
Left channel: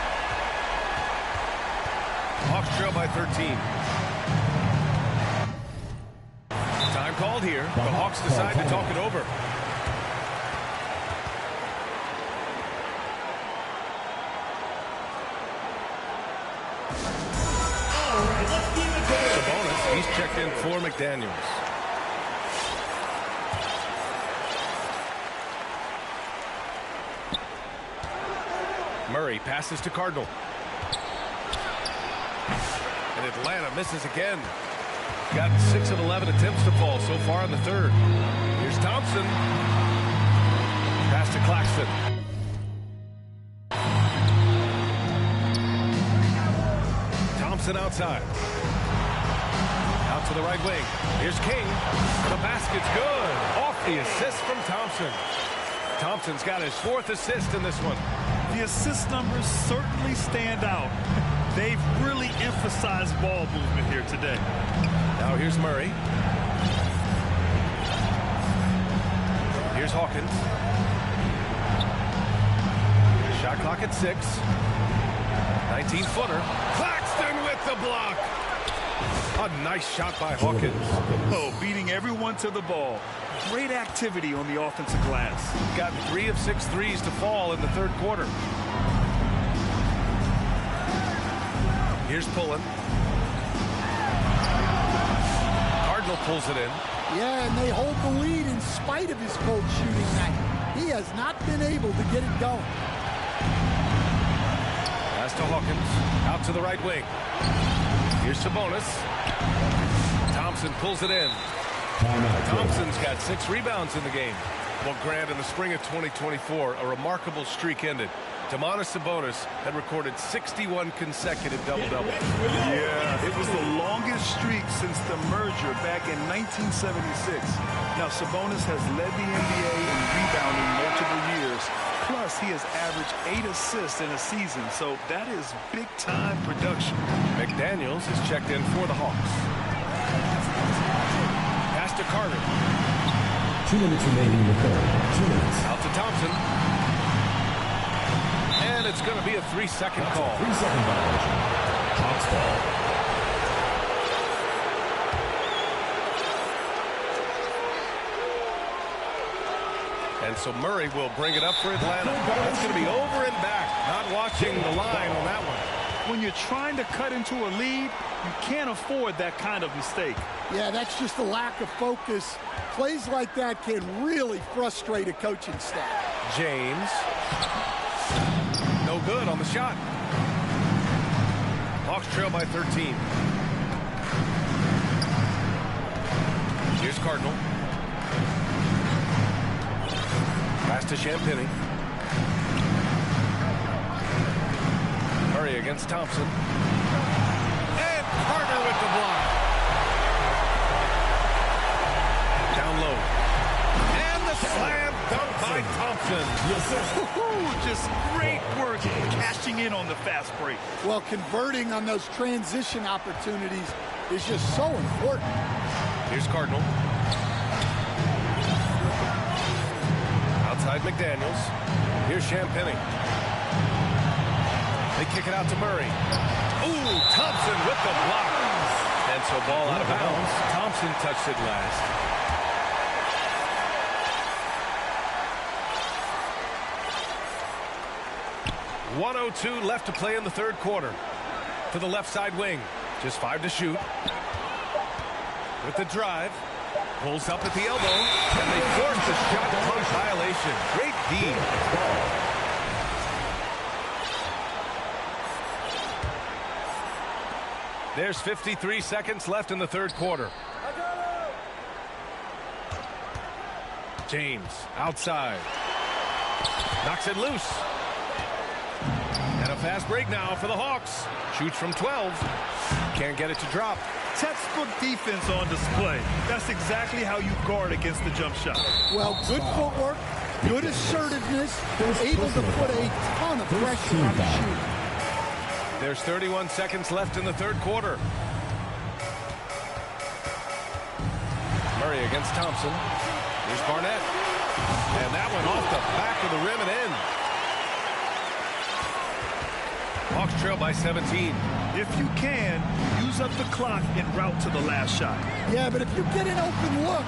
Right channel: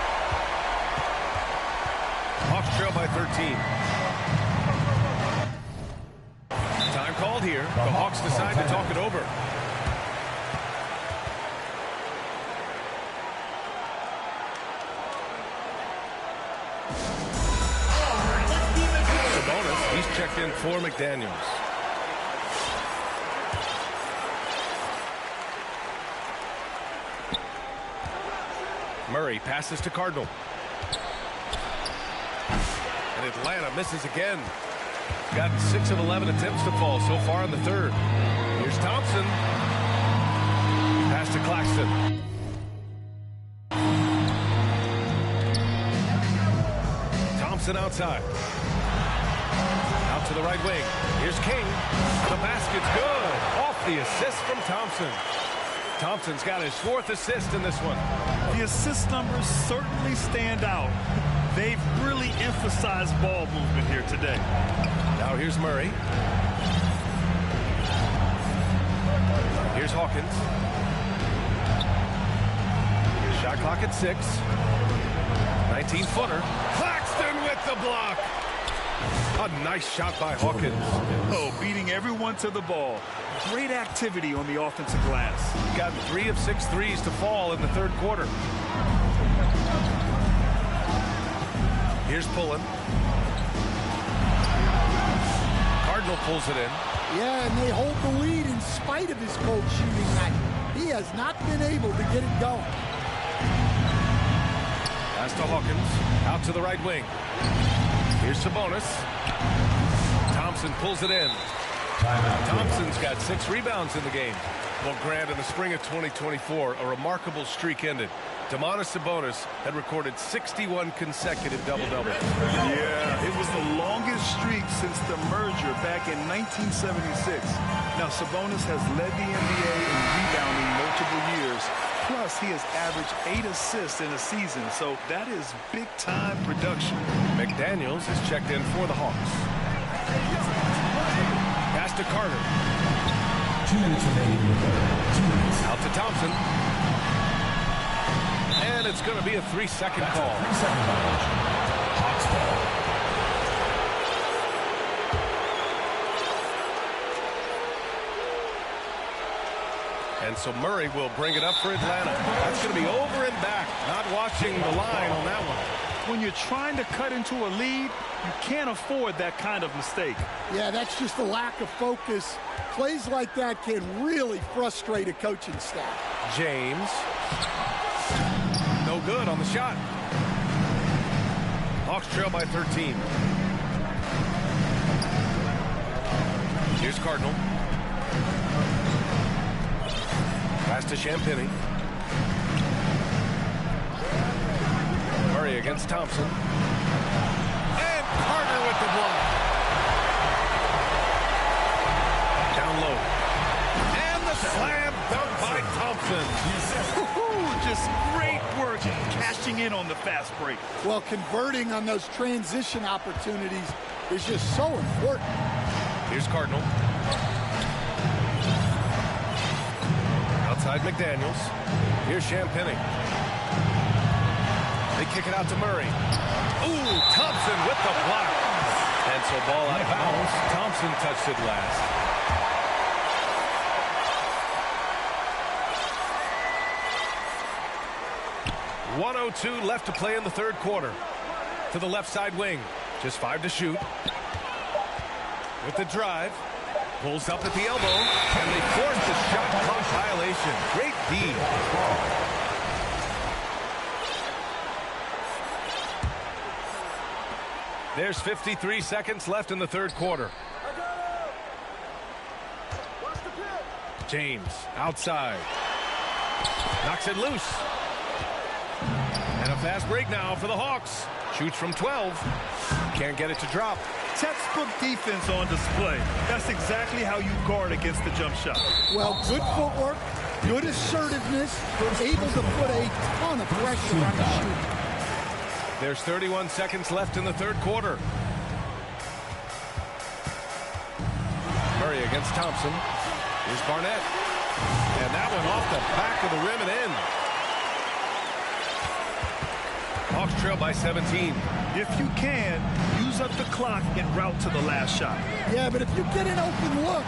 Hawks trail by 13. Time called here. The Hawks decide to talk it over. Sabonis, he's checked in for McDaniels. Murray passes to Cardinal. And Atlanta misses again. Got 6 of 11 attempts to fall so far in the third. Here's Thompson. Pass to Claxton. Thompson outside. Out to the right wing. Here's King. The basket's good. Off the assist from Thompson. Thompson's got his 4th assist in this one. The assist numbers certainly stand out. They've really emphasized ball movement here today. Now here's Murray. Here's Hawkins. Shot clock at 6. 19-footer. Claxton with the block. A nice shot by Hawkins. Oh, beating everyone to the ball. Great activity on the offensive glass. Gotten 3 of 6 threes to fall in the third quarter. Here's Pullen. Cardinal pulls it in. Yeah, and they hold the lead in spite of his cold shooting night. He has not been able to get it going. Pass to Hawkins. Out to the right wing. Here's Sabonis. Thompson pulls it in. Timeout. Thompson's got 6 rebounds in the game. Well, Grant, in the spring of 2024, a remarkable streak ended. Domantas Sabonis had recorded 61 consecutive double-doubles. Yeah, it was the longest streak since the merger back in 1976. Now, Sabonis has led the NBA in rebounding multiple years. Plus, he has averaged 8 assists in a season, so that is big-time production. McDaniels is checked in for the Hawks. Pass to Carter. 2 minutes remaining in the third. 2 minutes. Out to Thompson. And it's going to be a 3-second call. 3-second violation. Hawks ball. And so Murray will bring it up for Atlanta. That's going to be over and back. Not watching the line on that one. When you're trying to cut into a lead, you can't afford that kind of mistake. Yeah, that's just a lack of focus. Plays like that can really frustrate a coaching staff. James. No good on the shot. Hawks trail by 13. Here's Cardinal. Pass to Champagny. Murray against Thompson. And Carter with the block. Down low. And the slam dunk by Thompson. Just great work cashing in on the fast break. Well, converting on those transition opportunities is just so important. Here's Cardinal. Outside McDaniels. Here's Champagny. They kick it out to Murray. Ooh, Thompson with the block. And so ball out of bounds. Thompson touched it last. .102 left to play in the third quarter. To the left side wing. Just 5 to shoot. With the drive. Pulls up at the elbow. And they force the shot clock violation. Great D. There's 53 seconds left in the third quarter. James outside. Knocks it loose. And a fast break now for the Hawks. Shoots from 12. Can't get it to drop. Textbook defense on display. That's exactly how you guard against the jump shot. Well, good footwork, good assertiveness, able to put a ton of pressure on the shooter. There's 31 seconds left in the third quarter. Murray against Thompson. Here's Barnett. And that one off the back of the rim and in. Hawks trail by 17. If you can, use up the clock en route to the last shot. Yeah, but if you get an open look,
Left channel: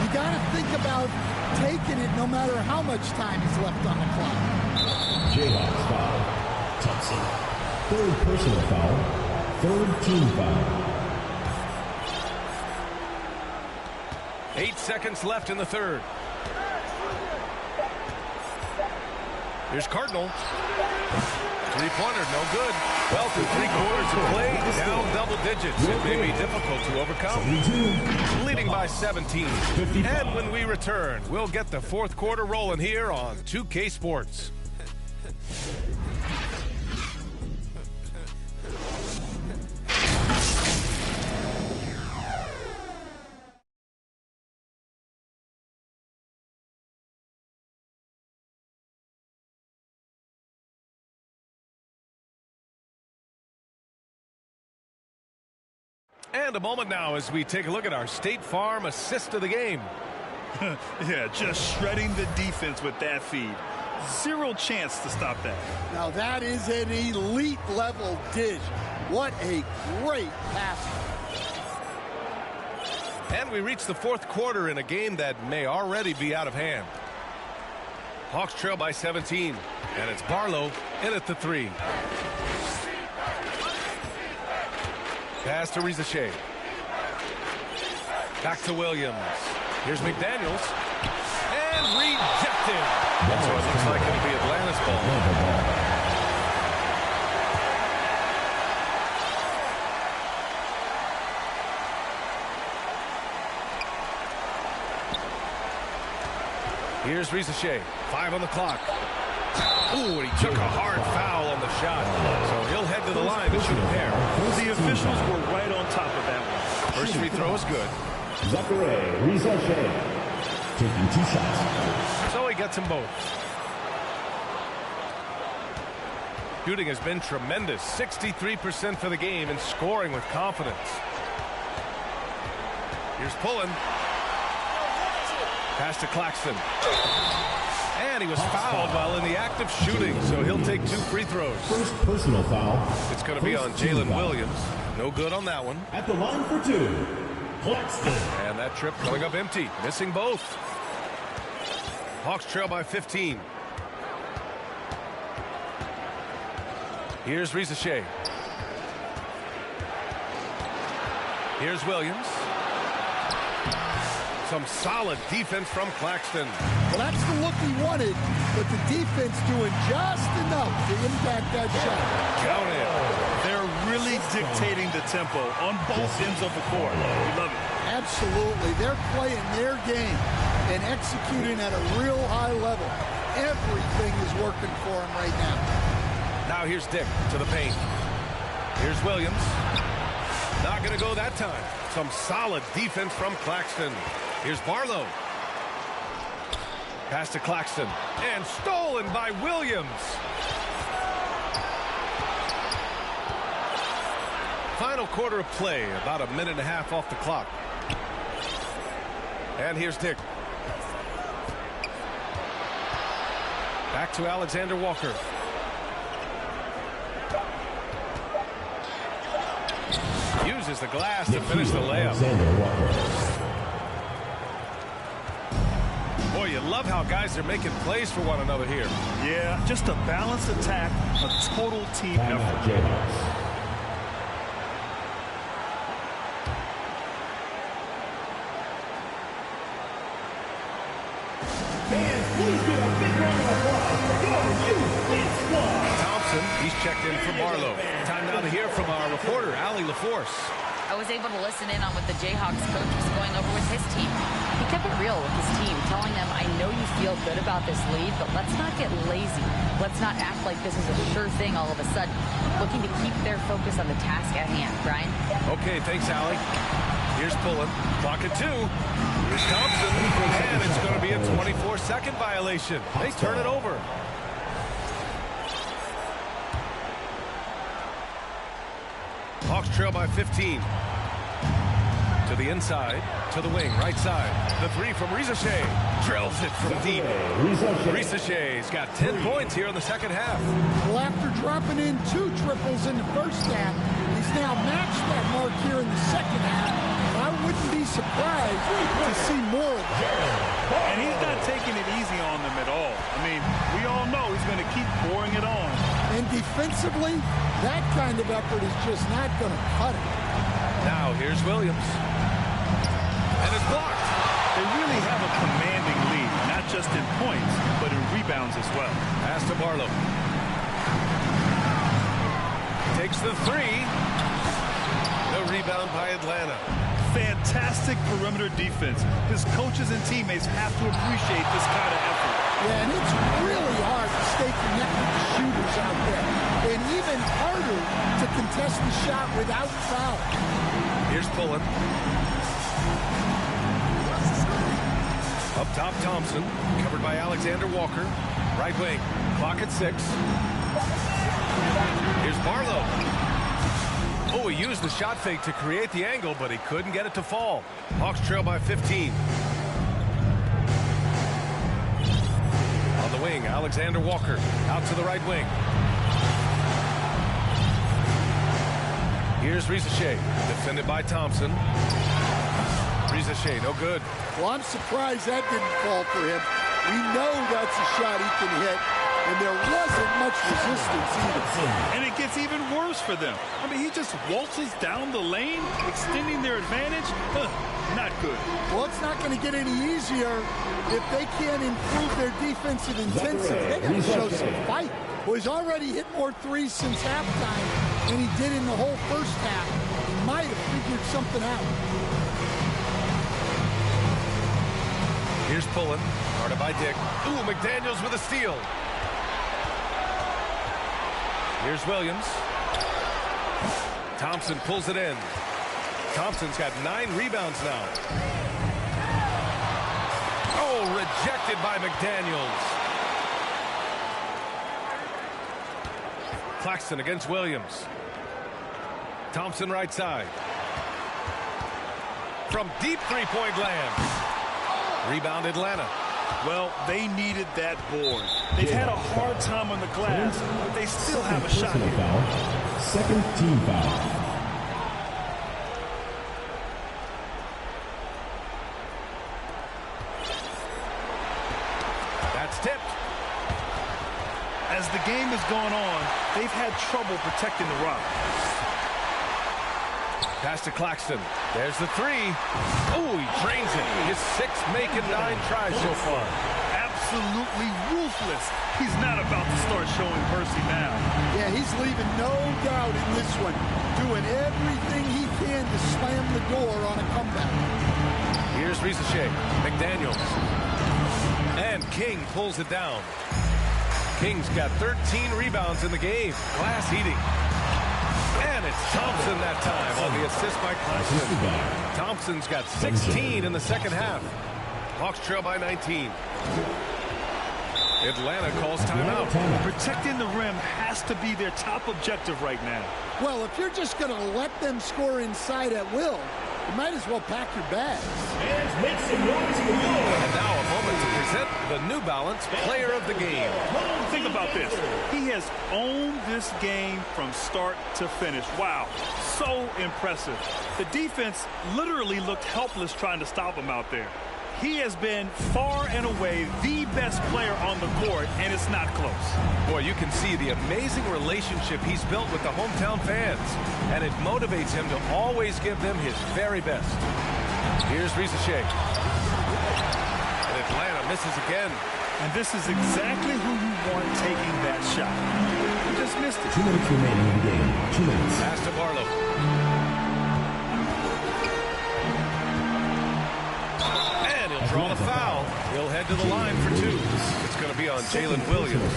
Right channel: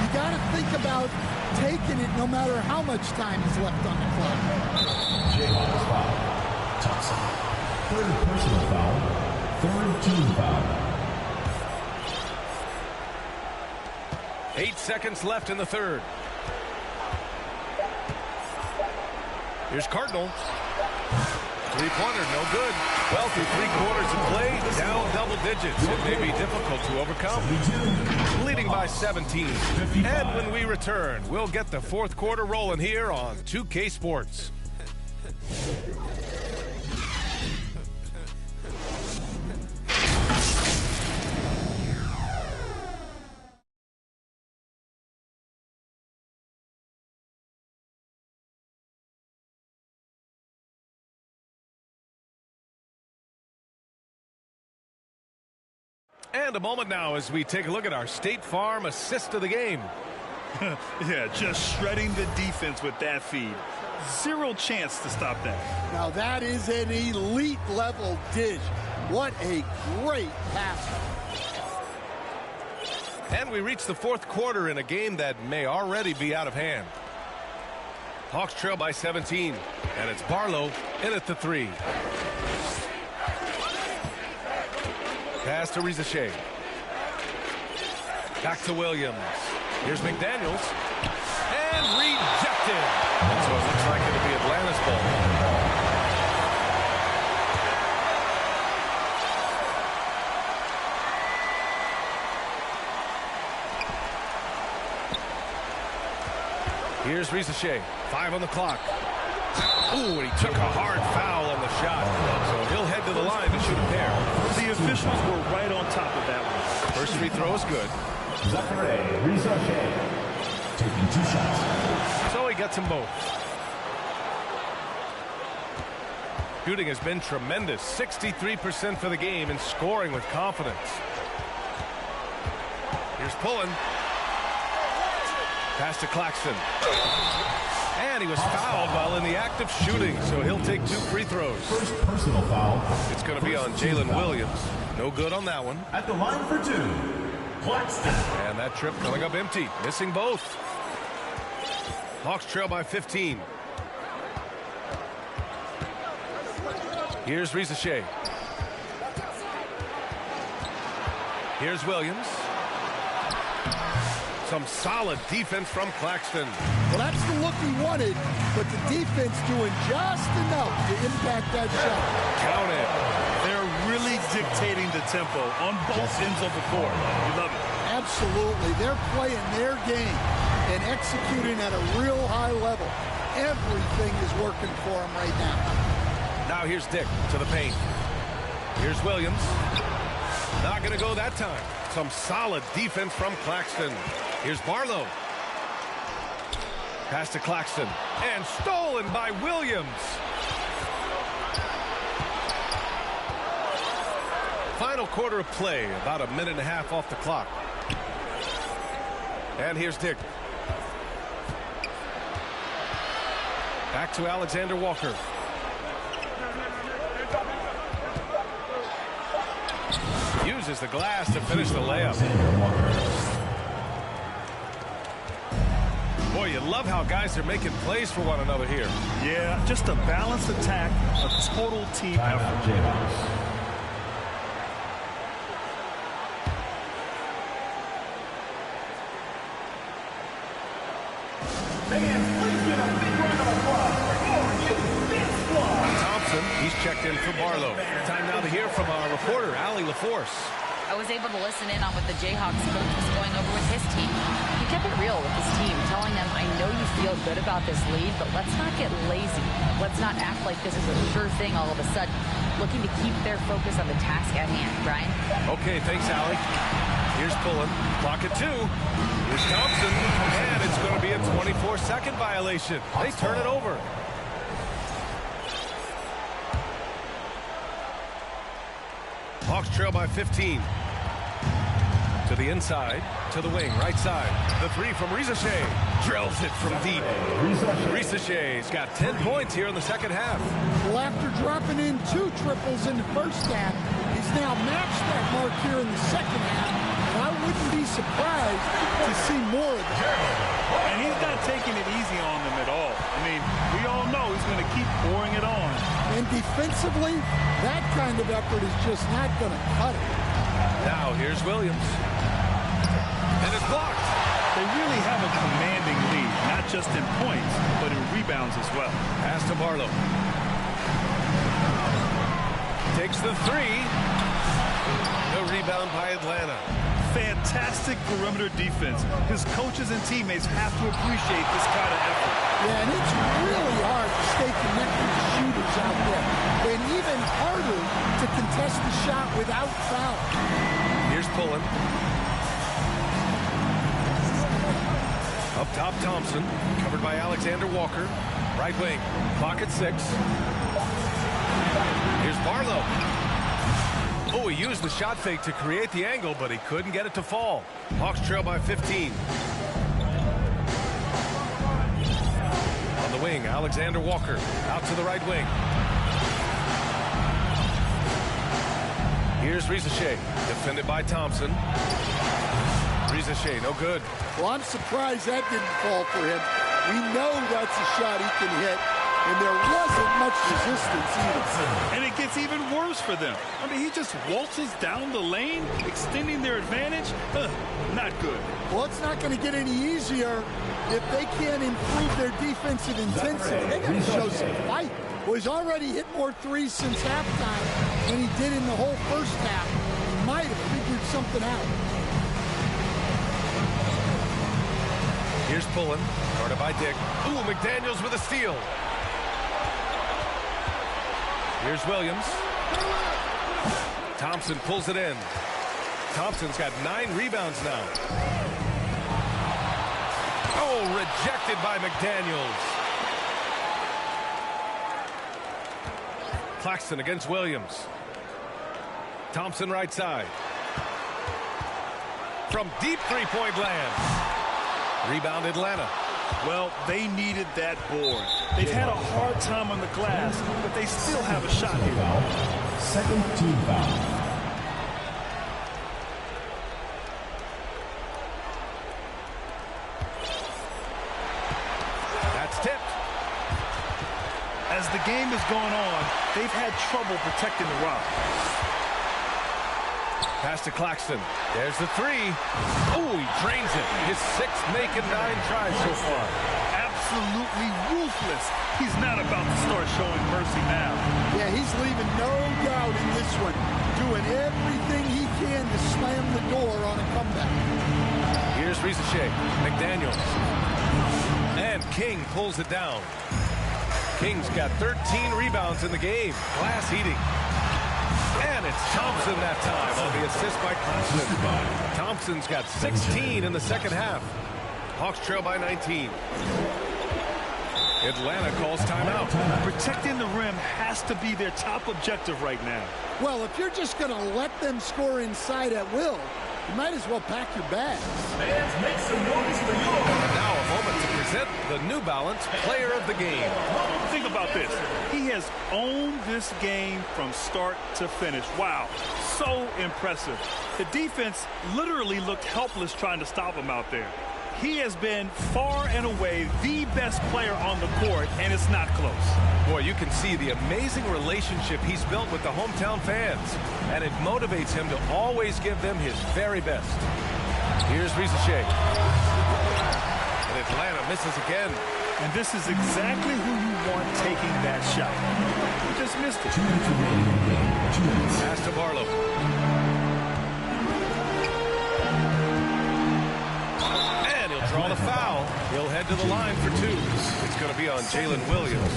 you got to think about taking it no matter how much time is left on the clock. Jayhawks foul. Thompson. Third personal foul. Third team foul. 8 seconds left in the third. Here's Cardinal. Three-pointer, no good. Well, through 3 quarters of play, down double digits. It may be difficult to overcome. Leading by 17. And when we return, we'll get the fourth quarter rolling here on 2K Sports. And a moment now as we take a look at our State Farm assist of the game. Yeah, just shredding the defense with that feed. Zero chance to stop that. Now that is an elite level dish. What a great passer. And we reach the fourth quarter in a game that may already be out of hand. Hawks trail by 17, and it's Barlow in at the 3. Pass to Rizachet. Back to Williams. Here's McDaniels. And rejected. And so it looks like it'll be Atlanta's ball. Here's Rizachet. 5 on the clock. Ooh, and he took a hard foul on the shot. So he'll head to the line to shoot a pair. The officials were right on top of that one. First free throw is good. Zachary Rizachet taking 2 shots. So he gets them both. Shooting has been tremendous. 63% for the game and scoring with confidence. Here's Pullen. Pass to Claxton. And he was fouled while in the act of shooting, so he'll take 2 free throws. First personal foul. It's going to be on Jalen Williams. No good on that one. At the line for 2, Claxton. And that trip coming up empty, missing both. Hawks trail by 15. Here's Rizachet. Here's Williams. Some solid defense from Claxton. Well, that's the look he wanted, but the defense doing just enough to impact that shot. Count it. They're really dictating the tempo on both ends of the court. We love it. Absolutely. They're playing their game and executing at a real high level. Everything is working for them right now. Now here's Dick to the paint. Here's Williams. Not going to go that time. Some solid defense from Claxton. Here's Barlow. Pass to Claxton. And stolen by Williams. Final quarter of play. About a minute and a half off the clock. And here's Dick. Back to Alexander Walker. Uses the glass to finish the layup. Boy, you love how guys are making plays for one another here. Yeah, just a balanced attack, a total team effort. Fans, please give a big round of applause for your youth big squad. Thompson, he's checked in for Barlow. Time now to hear from our reporter, Allie LaForce. I was able to listen in on what the Jayhawks coach was going over with his team. He kept it real with his team, telling them, I know you feel good about this lead, but let's not get lazy. Let's not act like this is a sure thing all of a sudden. Looking to keep their focus on the task at hand. Brian? Okay, thanks, Allie. Here's Pullen. Clock at 2. Here's Thompson. And it's going to be a 24-second violation. They turn it over. Hawks trail by 15. To the inside, to the wing, right side. The three from Rizashea. Drills it from deep. Rizashea's got 10 points here in the second half. Well, after dropping in 2 triples in the first half, he's now matched that mark here in the second half. And I wouldn't be surprised to see more of that. And he's not taking it easy on them at all. I mean, we all know he's going to keep pouring it on. And defensively, that kind of effort is just not going to cut it. Now here's Williams. And it's blocked. They really have a commanding lead, not just in points, but in rebounds as well. Pass to Barlow. Takes the 3. The rebound by Atlanta. Fantastic perimeter defense. His coaches and teammates have to appreciate this kind of effort. Yeah, and it's really hard to stay connected to shooters out there. And even harder to contest the shot without foul. Here's Pullen. Up top, Thompson. Covered by Alexander Walker. Right wing. Clock at 6. Here's Barlow. Oh, he used the shot fake to create the angle, but he couldn't get it to fall. Hawks trail by 15. On the wing, Alexander Walker. Out to the right wing. Here's Rizashea. Defended by Thompson. Rizashea, no good. Well, I'm surprised that didn't fall for him. We know that's a shot he can hit, and there wasn't much resistance either. And it gets even worse for them. I mean, he just waltzes down the lane, extending their advantage. Not good. Well, it's not going to get any easier if they can't improve their defensive intensity. They got to show some fight. Well, he's already hit more threes since halftime than he did in the whole first half. He might have figured something out. Here's Pullen, guarded by Dick. Ooh, McDaniels with a steal. Here's Williams. Thompson pulls it in. Thompson's got 9 rebounds now. Oh, rejected by McDaniels. Claxton against Williams. Thompson right side. From deep three-point land. Rebound Atlanta. Well, they needed that board. They've had a hard time on the glass, but they still have a shot here. Foul. Second team foul. That's tipped. As the game has gone on, they've had trouble protecting the rock. Pass to Claxton. There's the 3. Oh, he drains it. His 6th make and 9 tries so far. Absolutely ruthless. He's not about to start showing mercy now. Yeah, he's leaving no doubt in this one. Doing everything he can to slam the door on a comeback. Here's Rizashea. McDaniels. And King pulls it down. King's got 13 rebounds in the game. Glass eating. And it's Thompson that time on the assist by Claxton. Thompson's got 16 in the second half. Hawks trail by 19. Atlanta calls timeout. Protecting the rim has to be their top objective right now. Well, if you're just going to let them score inside at will, you might as well pack your bags. Fans, make some noise for yours. And now a moment to present the New Balance Player of the Game. Think about this. He has owned this game from start to finish. Wow, so impressive. The defense literally looked helpless trying to stop him out there. He has been far and away the best player on the court, and it's not close. Boy, you can see the amazing relationship he's built with the hometown fans, and it motivates him to always give them his very best. Here's Rizashea. And Atlanta misses again. And this is exactly who you want taking that shot. He just missed it. 2 minutes remaining in the game. 2 minutes. Pass to Barlow. draw the foul. He'll head to the line for two. It's going to be on Jalen Williams.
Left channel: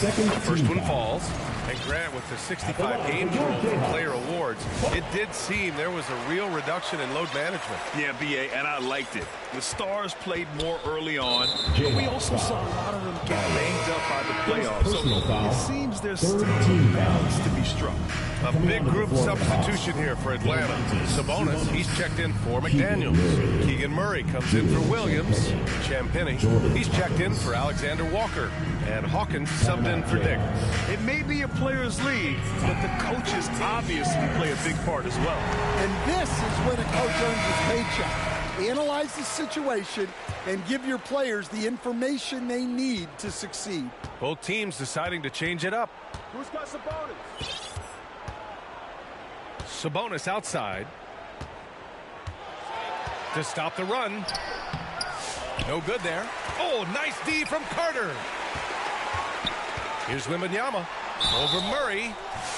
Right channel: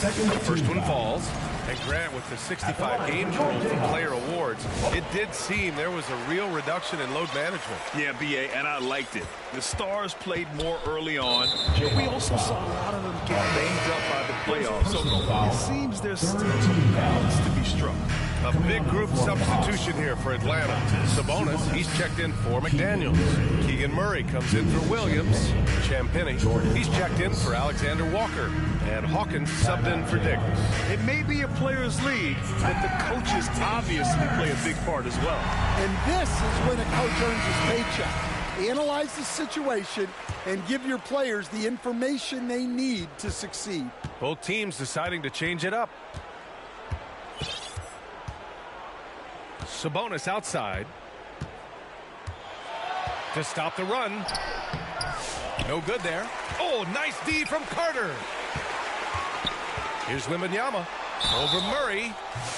The first one falls. And Grant, with the 65 games rule for player awards, it did seem there was a real reduction in load management. Yeah, B.A., and I liked it. The Stars played more early on, but we also saw a lot of them get banged up by the playoffs. So it seems there's still a balance to be struck. A big group substitution here for Atlanta. Sabonis, he's checked in for McDaniels. Keegan Murray comes in for Williams. Champagnie, he's checked in for Alexander Walker. And Hawkins subbed in for Dick. It may be a players' league, but the coaches obviously play a big part as well. And this is when a coach earns his paycheck. Analyze the situation and give your players the information they need to succeed. Both teams deciding to change it up. Who's got Sabonis? Sabonis outside to stop the run. No good there. Oh, nice D from Carter. Here's Wembanyama over Murray,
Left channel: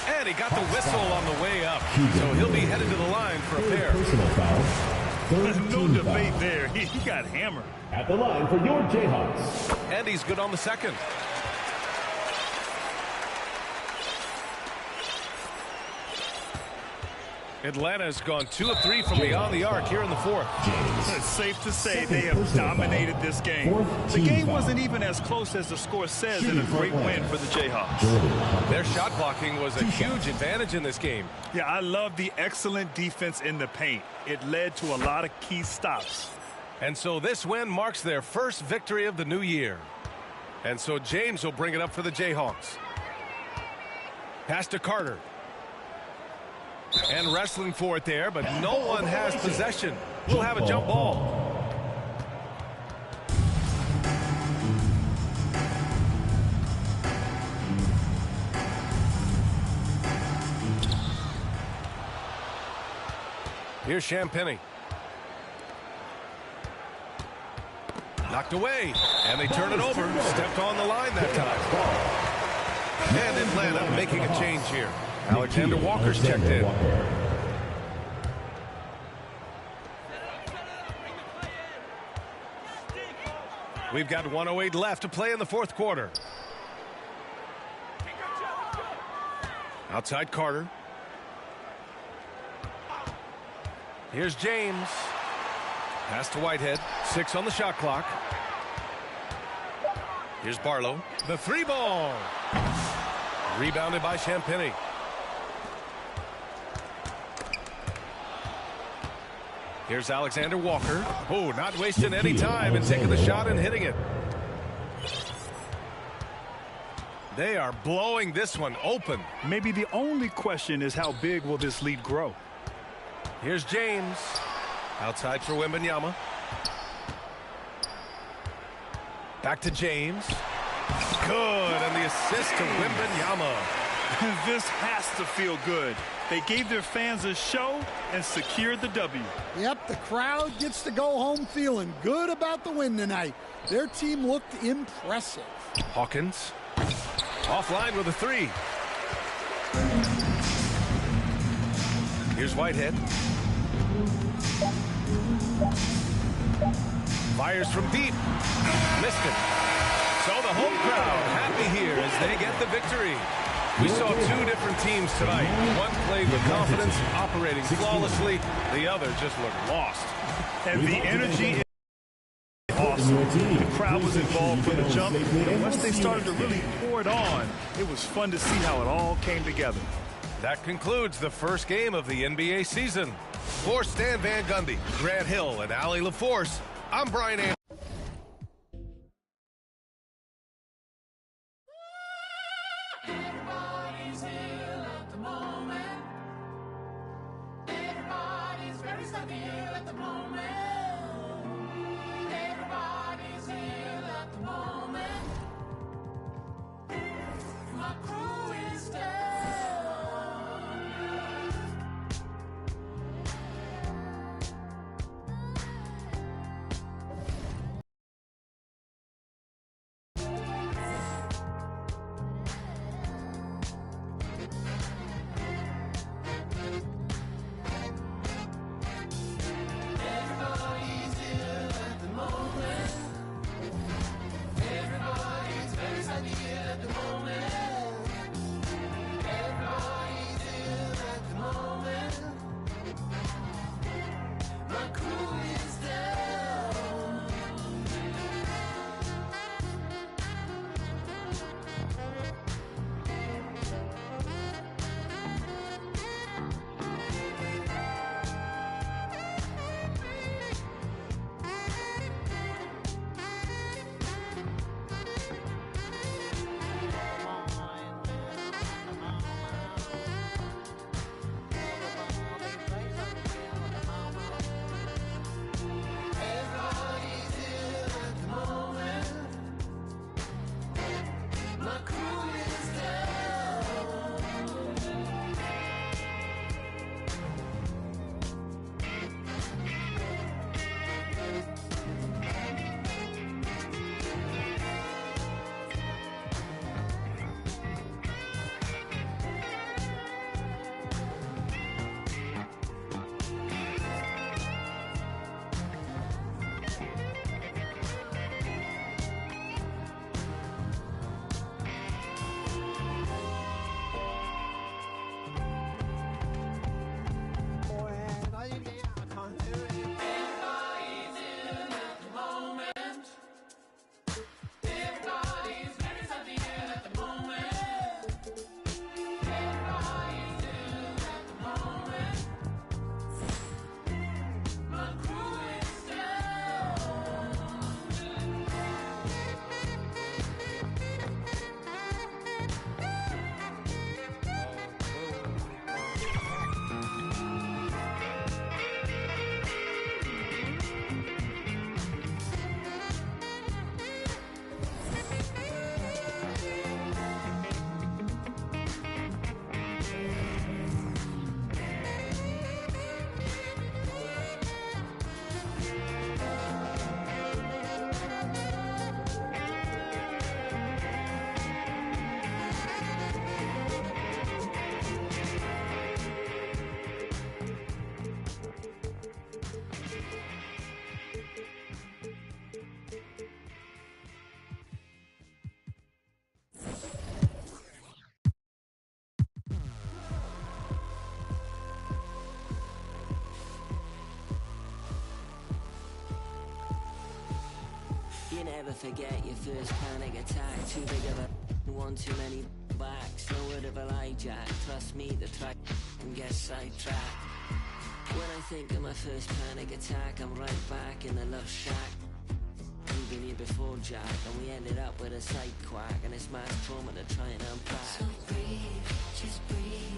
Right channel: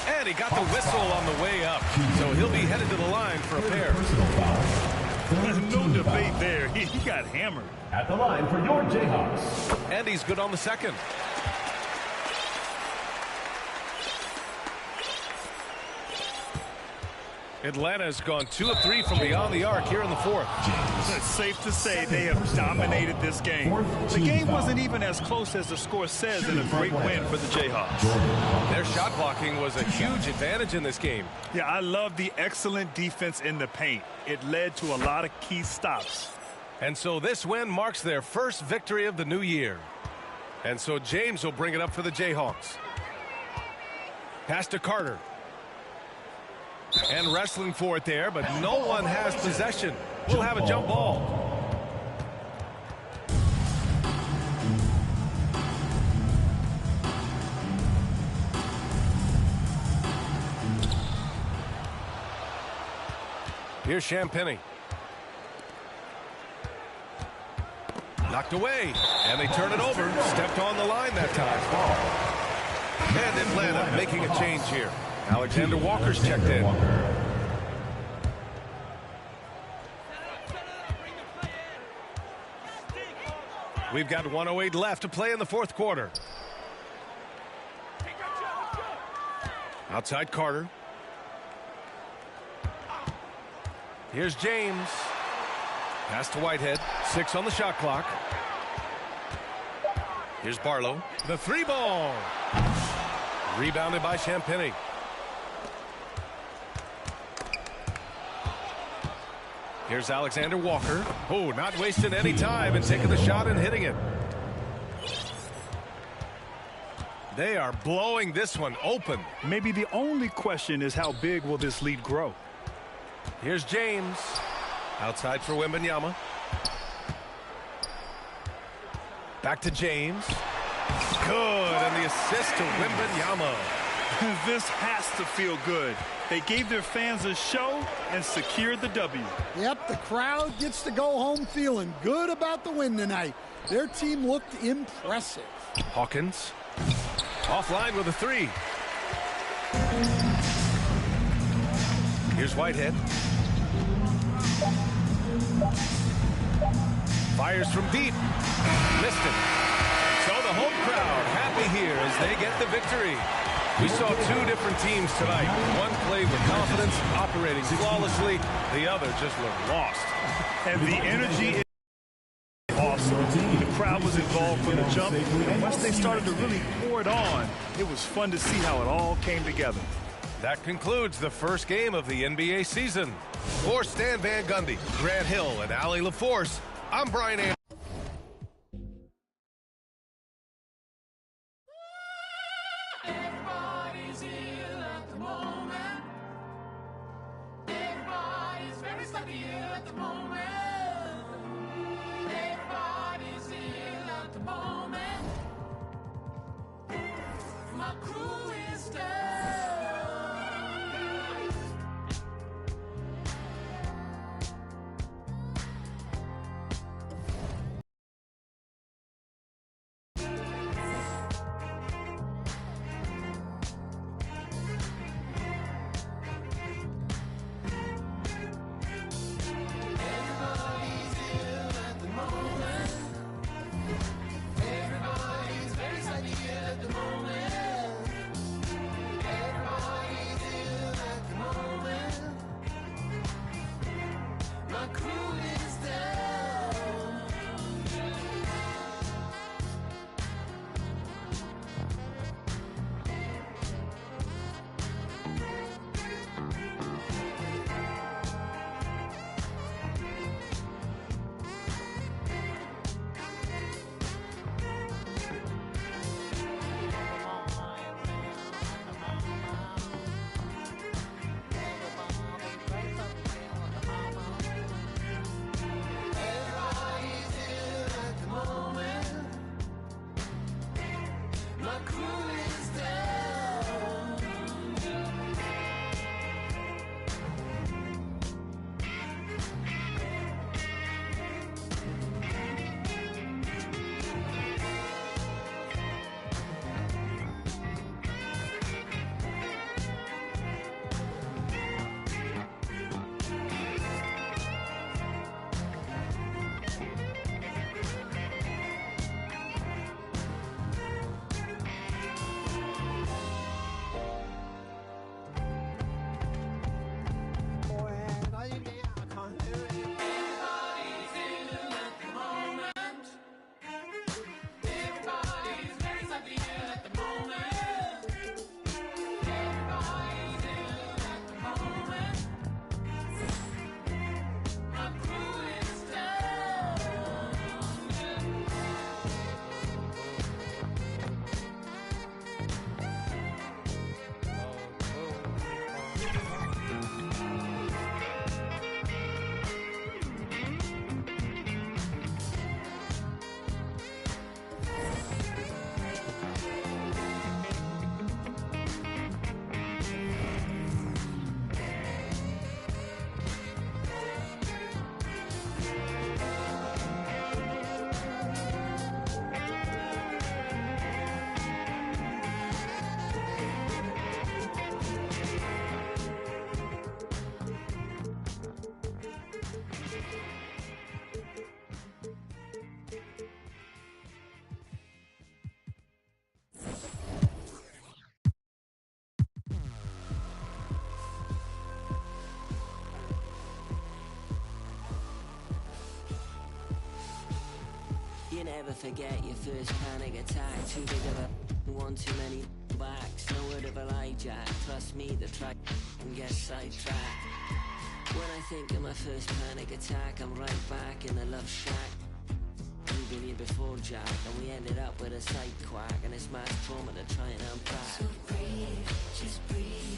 and he got the whistle on the way up. So he'll be headed to the line for a pair. Personal foul. No debate there. He got hammered. At the line for your Jayhawks. And he's good on the second. Atlanta has gone 2 of 3 from beyond the arc here in the fourth. It's safe to say they have dominated this game. The game wasn't even as close as the score says, and a great win for the Jayhawks. Their shot blocking was a huge advantage in this game. Yeah, I love the excellent defense in the paint. It led to a lot of key stops. And so this win marks their first victory of the new year. And so James will bring it up for the Jayhawks. Pass to Carter. And wrestling for it there, but no one has possession. We'll have a jump ball. Here's Champagnie. Knocked away, and they turn it over. Stepped on the line that time. And Atlanta making a change here. Alexander Walker's checked in. We've got 1:08 left to play in the fourth quarter. Outside Carter. Here's James. Pass to Whitehead. 6 on the shot clock. Here's Barlow. The three ball. Rebounded by Champagnie. Here's Alexander Walker. Oh, not wasting any time and taking the shot and hitting it. They are blowing this one open. Maybe the only question is how big will this lead grow? Here's James. Outside for Wembanyama. Back to James. Good, and the assist to Wembanyama. This has to feel good. They gave their fans a show and secured the W. Yep, the crowd gets to go home feeling good about the win tonight. Their team looked impressive. Hawkins. Offline with a three. Here's Whitehead. Fires from deep. Missed it. So the home crowd happy here as they get the victory. We saw two different teams tonight. One played with confidence, operating flawlessly. The other just looked lost. And the energy is awesome. The crowd was involved from the jump, and once they started to really pour it on, it was fun to see how it all came together. That concludes the first game of the NBA season. For Stan Van Gundy, Grant Hill, and Allie LaForce, I'm Brian Anderson. You never forget your first panic attack. Too big of a one, too many backs. No word of a lie, Jack. Trust me, the track can get sidetracked. When I think of my first panic attack, I'm right back in the love shack. We've been here before, Jack, and we ended up with a side quack, and it's mass trauma to try and unpack. So breathe, just breathe.